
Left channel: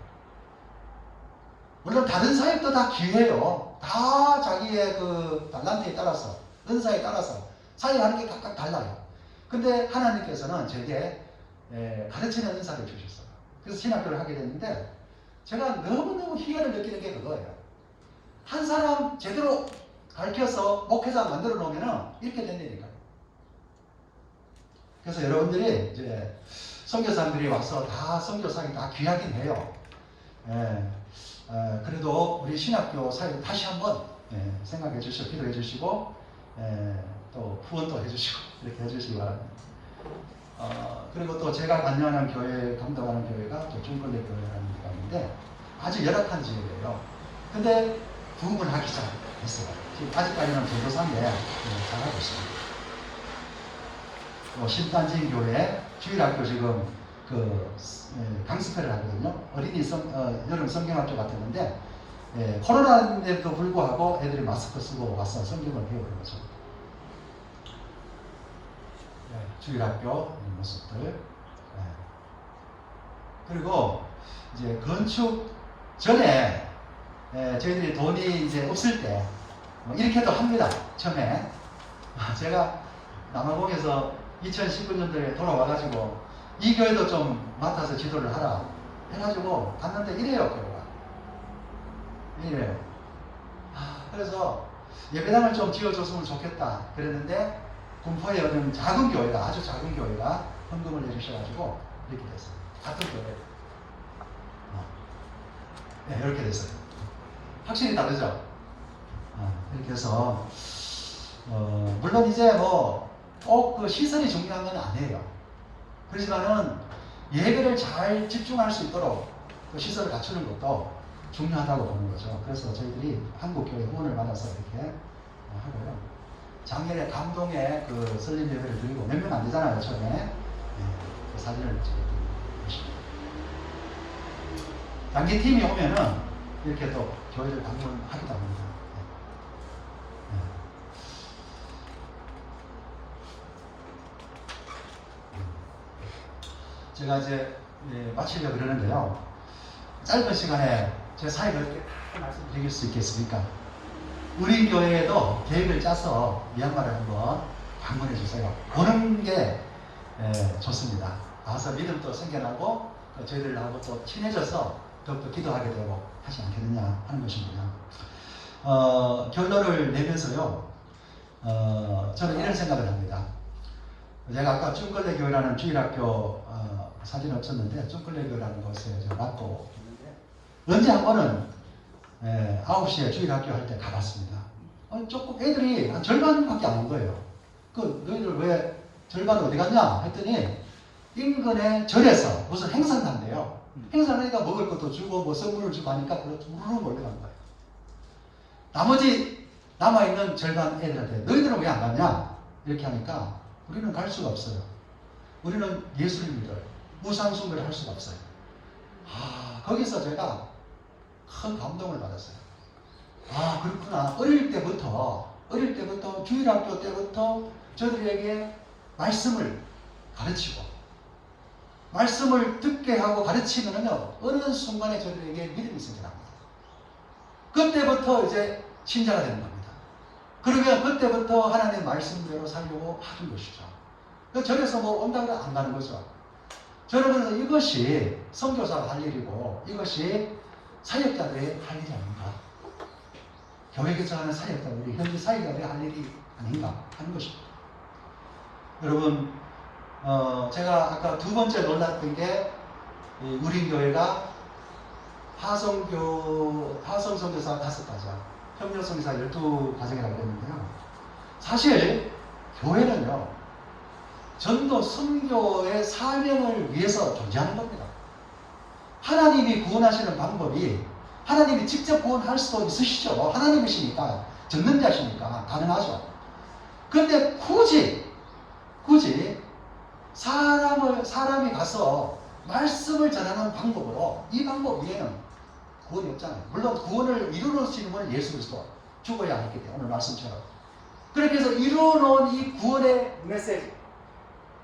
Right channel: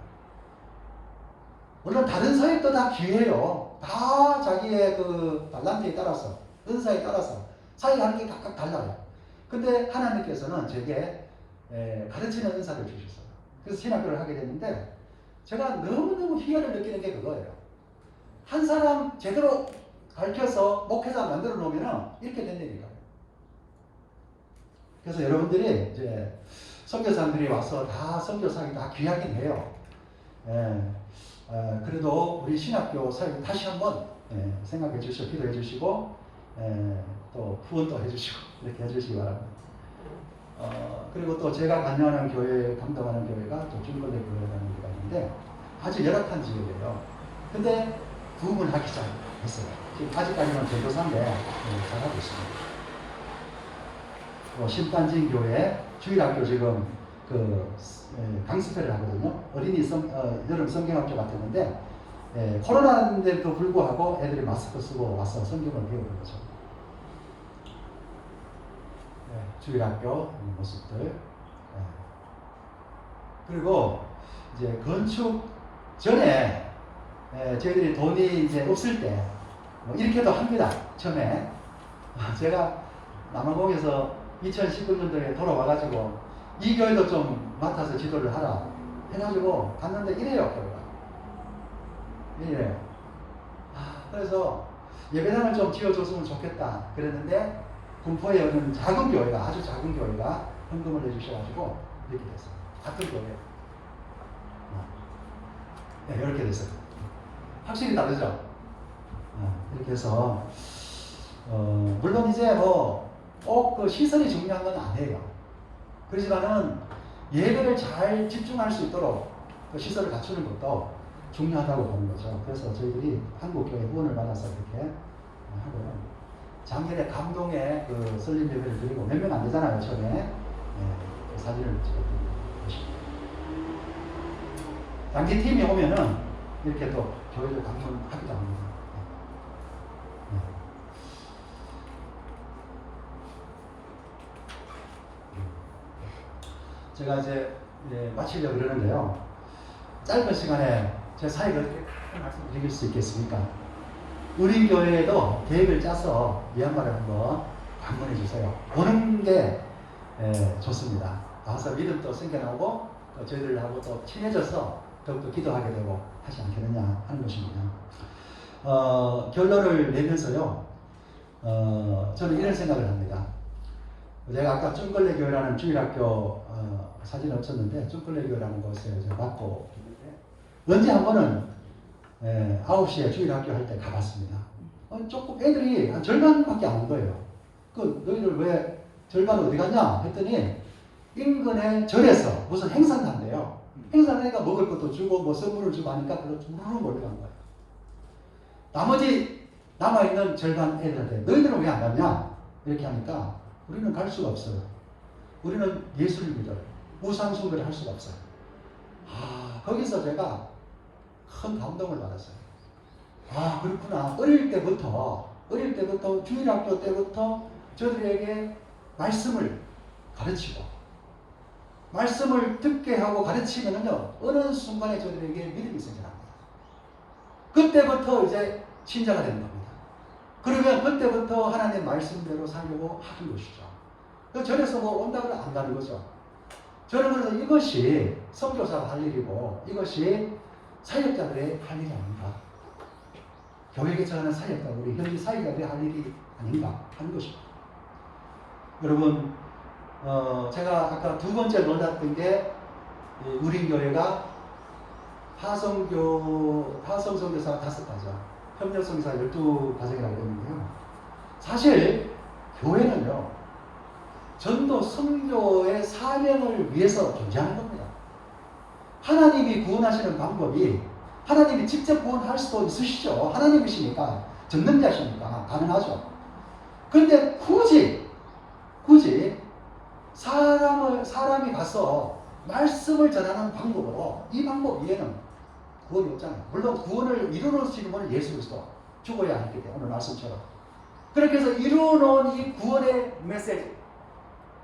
물론 다른 사역도 다 기회예요. 다 자기의 그 달란트에 따라서, 은사에 따라서 사역하는 게 각각 달라요. 근데 하나님께서는 제게 가르치는 은사를 주셨어요. 그래서 신학교를 하게 됐는데 제가 너무너무 희열을 느끼는 게 그거예요. 한 사람 제대로 가르쳐서 목회자 만들어 놓으면 이렇게 된다니까요. 그래서 여러분들이 이제 선교사님들이 와서 다 선교사기 다 귀하긴 해요. 그래도 우리 신학교 사역 다시 한번 생각해 주시고 기도해 주시고 또 후원도 해주시고 이렇게 해주시기 바랍니다. 그리고 또 제가 관여하는 교회, 감당하는 교회가 또 중벌레 교회라는 데가 있는데 아주 열악한 지역이에요. 근데 부흥을 하기 시작했어요. 지금 아직까지는 전도사인데 잘하고 있습니다. 뭐 신탄진 교회 주일학교 지금 강습회를 하거든요. 어린이 여름 성경학교 같았는데 코로나인데도 불구하고 애들이 마스크 쓰고 와서 성경을 배우는 거죠. 주일학교 모습들. 그리고 이제 건축 전에 저희들이 돈이 이제 없을 때 이렇게도 합니다. 처음에 제가 남아공에서 2019년도에 돌아와가지고 이 교회도 좀 맡아서 지도를 하라 해가지고 갔는데 이래요. 교회가 이래 그래서 예배당을 좀 지어줬으면 좋겠다 그랬는데 군포에 어떤 작은 교회가 아주 작은 교회가 헌금을 내주셔가지고 이렇게 됐어요. 같은 교회. 네, 이렇게 됐어요. 확실히 다르죠. 이렇게 해서 물론 이제 뭐 꼭 그 시설이 중요한 건 아니에요. 그렇지만은 예배를 잘 집중할 수 있도록 그 시설을 갖추는 것도 중요하다고 보는 거죠. 그래서 저희들이 한국교회 후원을 받아서 이렇게 하고요. 작년에 감동의 그 설립 예배를 드리고 몇 명 안 되잖아요, 처음에. 네, 그 사진을 보시면. 단기팀이 오면은 이렇게 또 교회를 방문하기도 합니다. 제가 이제 마치려고 그러는데요. 짧은 시간에 제 사역을 어떻게 다 말씀드릴 수 있겠습니까? 우리 교회에도 계획을 짜서 미얀마를 한번 방문해 주세요. 오는 게 좋습니다. 가서 믿음도 생겨나고 또 저희들하고 또 친해져서 더욱더 기도하게 되고 하지 않겠느냐 하는 것입니다. 결론을 내면서요. 저는 이런 생각을 합니다. 제가 아까 쭝걸레 교회라는 주일학교 사진 없었는데 쭝걸레 교회라는 곳에 맡고 있는데 언제 한 번은 9시에 주일학교 할 때 가봤습니다. 조금 애들이 한 절반밖에 안 온 거예요. 너희들 왜 절반 어디 갔냐 했더니 인근의 절에서 무슨 행사를 한대요. 행사를 하니까 먹을 것도 주고 뭐 선물을 주고 하니까 그걸 무르르 몰려간 거예요. 나머지 남아있는 절반 애들한테 너희들은 왜 안 갔냐 이렇게 하니까 우리는 갈 수가 없어요. 우리는 예수를 믿어요. 우상숭배를 할 수가 없어요. 거기서 제가 큰 감동을 받았어요. 그렇구나. 어릴 때부터 주일학교 때부터 저들에게 말씀을 가르치고 말씀을 듣게 하고 가르치면은요 어느 순간에 저들에게 믿음이 생겨납니다. 그때부터 이제 신자가 되는 겁니다. 그러면 그때부터 하나님의 말씀대로 살려고 하는 것이죠. 절에서 뭐 온다고 안 가는 거죠. 저는 그래서 이것이 선교사가 할 일이고 이것이 사역자들의 할 일이 아닌가. 교회 개척하는 사역자, 우리 현지 사역자들이 할 일이 아닌가 하는 것입니다. 여러분, 제가 아까 두 번째 놀랐던 게 우리 교회가 화성 선교사 5가정, 협력 선교사 12가정이라고 했는데요. 사실 교회는요, 전도 선교의 사명을 위해서 존재하는 겁니다. 하나님이 구원하시는 방법이 하나님이 직접 구원할 수도 있으시죠. 하나님이시니까, 전능자시니까 가능하죠. 그런데 굳이 사람이 가서 말씀을 전하는 방법으로 이 방법 위에는 구원이 없잖아요. 물론 구원을 이루어놓으시는 분은 예수 그리스도 죽어야 했기 때문에 오늘 말씀처럼 그렇게 해서 이루어놓은 이 구원의 메시지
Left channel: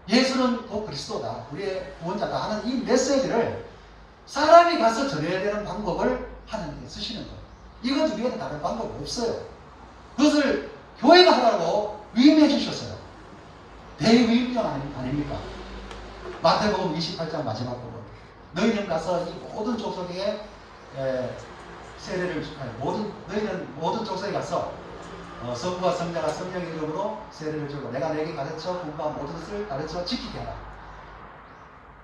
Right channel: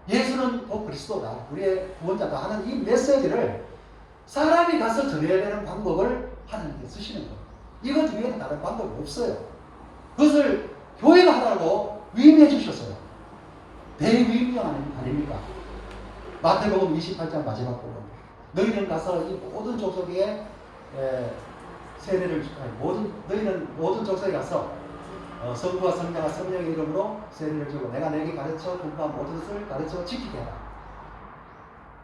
예수는 그리스도다 우리의 구원자다 하는 이 메시지를 사람이 가서 전해야 되는 방법을 하나님께 쓰시는 거예요. 이것 위에는 다른 방법이 없어요. 그것을 교회가 하라고 위임해 주셨어요. 대위임령 아닙니까? 마태복음 28장 마지막 부분. 너희는 가서 이 모든 족속에 세례를 너희는 모든 족속에 가서 성부와 성자와 성령의 이름으로 세례를 주고 내가 너에게 가르쳐 분부한 모든 것을 가르쳐 지키게 하라.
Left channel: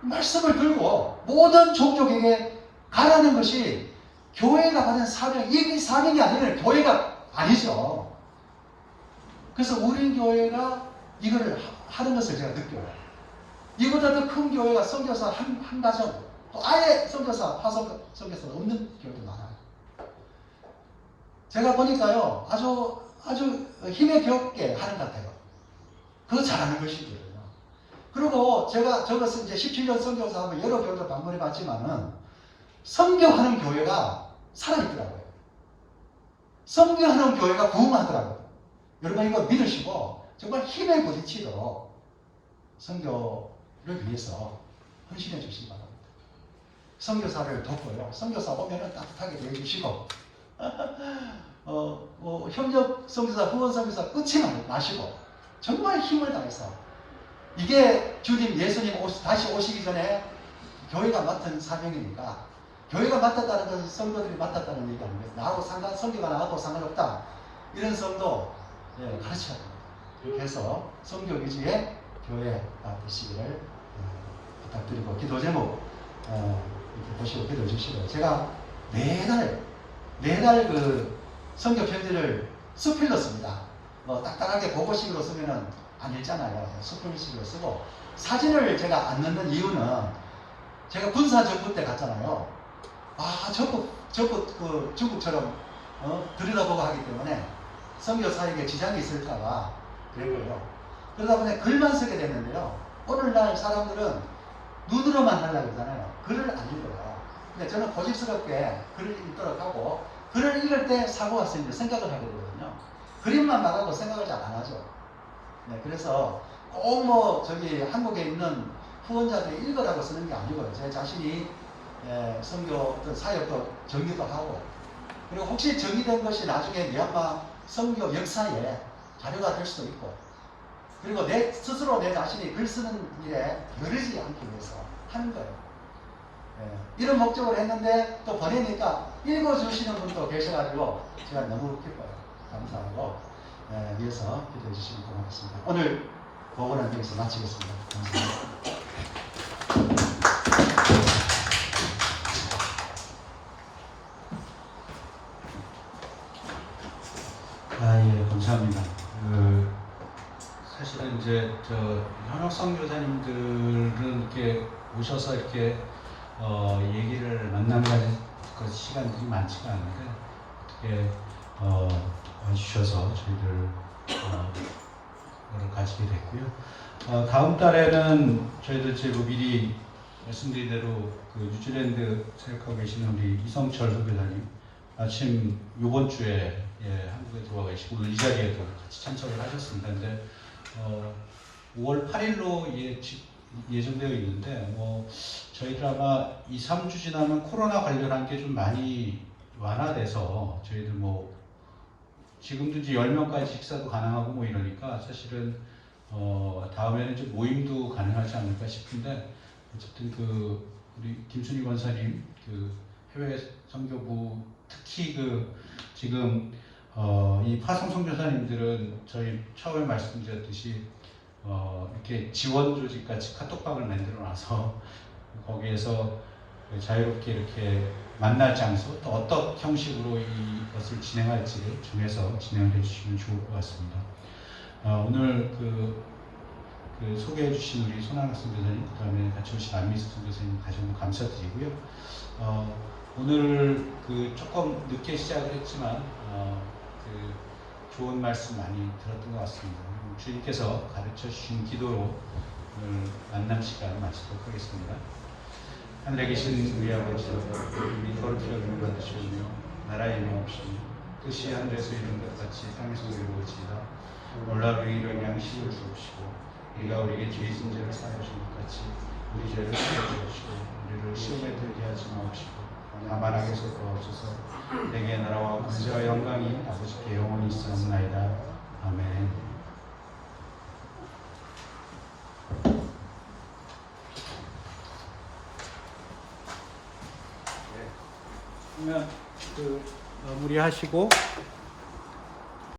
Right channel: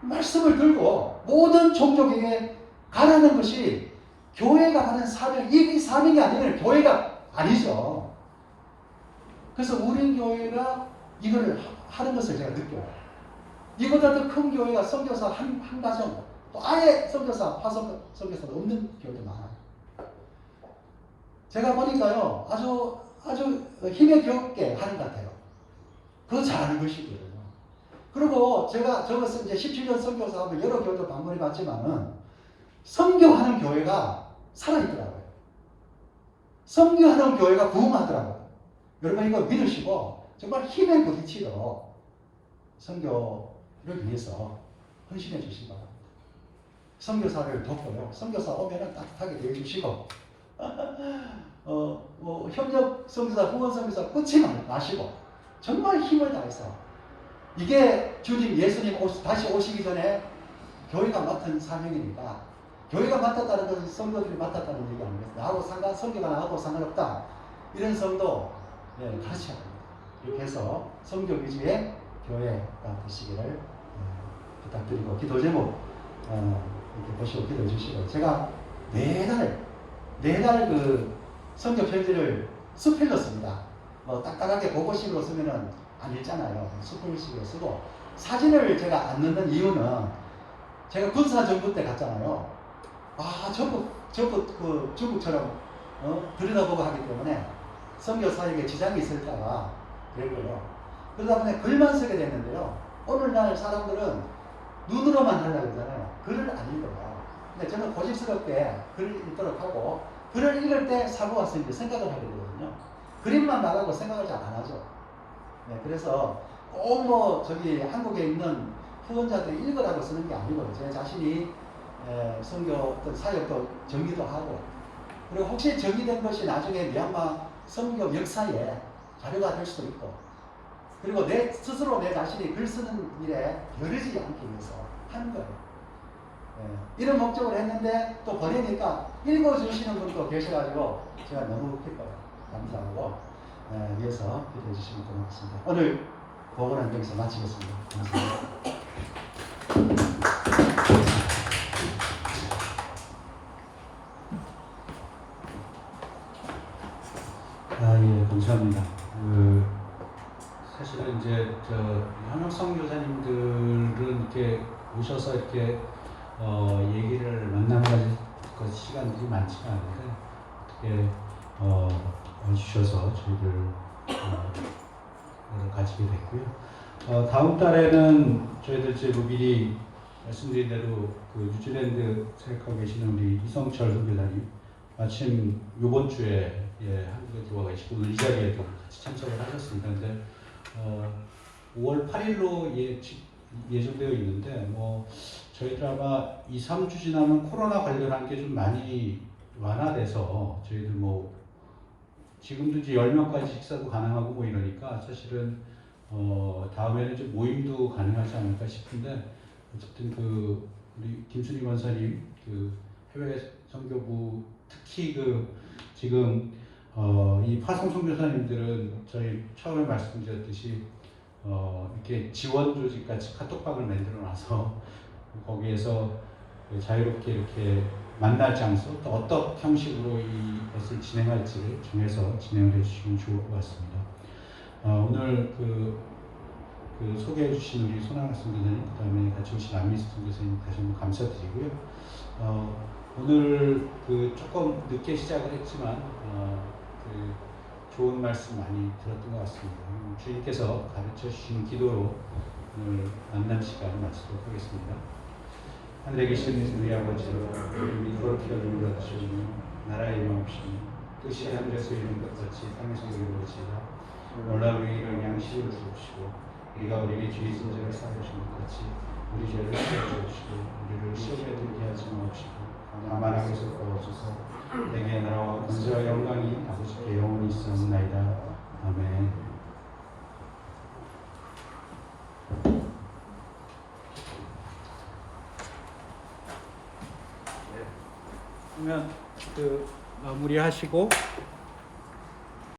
말씀을 들고 모든 종족에게 가라는 것이 교회가 받는 사명, 이 사명이 아니면 교회가 아니죠. 그래서 우리 교회가 이거를 하는 것을 제가 느껴요. 이보다 더 큰 교회가 선교사 한 가정, 또 아예 선교사, 화성 선교사가 없는 교회도 많아요. 제가 보니까요, 아주 힘에 겹게 하는 것 같아요. 그거 잘하는 것이거든요. 그리고 저거 이제 17년 선교사 하면 여러 교회도 방문해 봤지만은, 선교하는 교회가 살아있더라고요. 선교하는 교회가 부흥하더라고요. 여러분 이거 믿으시고, 정말 힘에 부딪히도록 선교를 위해서 헌신해 주시기 바랍니다. 선교사를 돕고요. 선교사 오면은 따뜻하게 대해주시고, 협력 선교사, 후원 선교사 끝이 나시고, 정말 힘을 다해서, 이게 주님 예수님 다시 오시기 전에 교회가 맡은 사명이니까, 교회가 맡았다는 것은 성도들이 맡았다는 얘기 아닙니까? 나하고 성교가 나하고 상관없다. 이런 성도 가르쳐야 됩니다. 이렇게 해서 성교 위주의 교회가 되시기를 부탁드리고, 기도 제목 이렇게 보시고 기도해 주시고, 제가 매달 그 성교 편지를 수필로 씁니다. 뭐 딱딱하게 보고식으로 쓰면은 안 읽잖아요. 수필식으로 쓰고, 사진을 제가 안 넣는 이유는 제가 군사정부 때 갔잖아요. 전부 그 중국처럼 들여다보고 하기 때문에 선교 사역에 지장이 있을까봐 그랬고요. 그러다 보니 글만 쓰게 됐는데요. 오늘날 사람들은 눈으로만 하려고 그러잖아요. 글을 안 읽어요. 근데 저는 고집스럽게 글을 읽도록 하고, 글을 읽을 때 사고가 생겨 생각을 하게 되거든요. 그림만 나가고 생각을 잘 안 하죠. 네, 그래서 꼭 뭐 한국에 있는 후원자들이 읽으라고 쓰는 게 아니고, 제 자신이 선교 어떤 사역도 정리도 하고, 그리고 혹시 정리된 것이 나중에 미얀마 선교 역사에 자료가 될 수도 있고, 그리고 내 스스로 내 자신이 글 쓰는 일에 게으르지 않기 위해서 하는 거예요. 이런 목적으로 했는데 또 보내니까 읽어주시는 분도 계셔가지고 제가 너무 기뻐요. 감사하고 위해서 기도해 주시면 고맙습니다. 오늘 보고는 여기서 마치겠습니다. 감사합니다. 예, 감사합니다. 사실은 이제 현역 선교사님들은 이렇게 오셔서 이렇게 얘기를 만나는 그 시간들이 많지가 않은데, 어떻게 와주셔서 저희들 가지게 됐고요. 다음 달에는 저희들 제보 미리 말씀드린 대로 그 뉴질랜드 생각하고 계시는 우리 이성철 선교사님 마침 이번 주에 한국에 들어와 계시고 오늘 이 자리에도 같이 참석을 하셨습니다. 근데 5월 8일로 예정되어 있는데 저희들 아마 2, 3주 지나면 코로나 관련한 게 좀 많이 완화돼서 저희들 지금도 이제 10명까지 식사도 가능하고 이러니까 사실은 다음에는 좀 모임도 가능하지 않을까 싶은데, 어쨌든 우리 김순희 권사님 해외 선교부 특히 지금 이 파송 선교사님들은 저희 처음에 말씀드렸듯이 이렇게 지원 조직 같이 카톡방을 만들어 놔서 거기에서 자유롭게 이렇게 만날 장소, 또 어떤 형식으로 이것을 진행할지를 정해서 진행을 해주시면 좋을 것 같습니다. 오늘 소개해 주신 우리 손학학 선교사님, 그 다음에 같이 오신 안미숙 선교사님 다시 한번 감사드리고요. 오늘 조금 늦게 시작을 했지만 좋은 말씀 많이 들었던 것 같습니다. 주님께서 가르쳐 주신 기도로 오늘 만남 시간 마치도록 하겠습니다. 하늘에 계신 우리 아버지, 이름이 거룩히 여김을 받으시오며 나라의 임하옵시며 뜻이 하늘에서 이룬 것 같이 땅에서 이루어지이다. 오늘날 우리에게 양식을 주옵시고, 우리가 우리에게 죄 있은 죄를 사하신 것 같이 우리 죄를 사하여 주시고, 우리를 시험에 들게 하지 마옵시고 다만 악에서 구하옵소서. 내게 나라와 권세와 영광이 아버지께 영원히 있사옵나이다. 아멘. 그러면 마무리하시고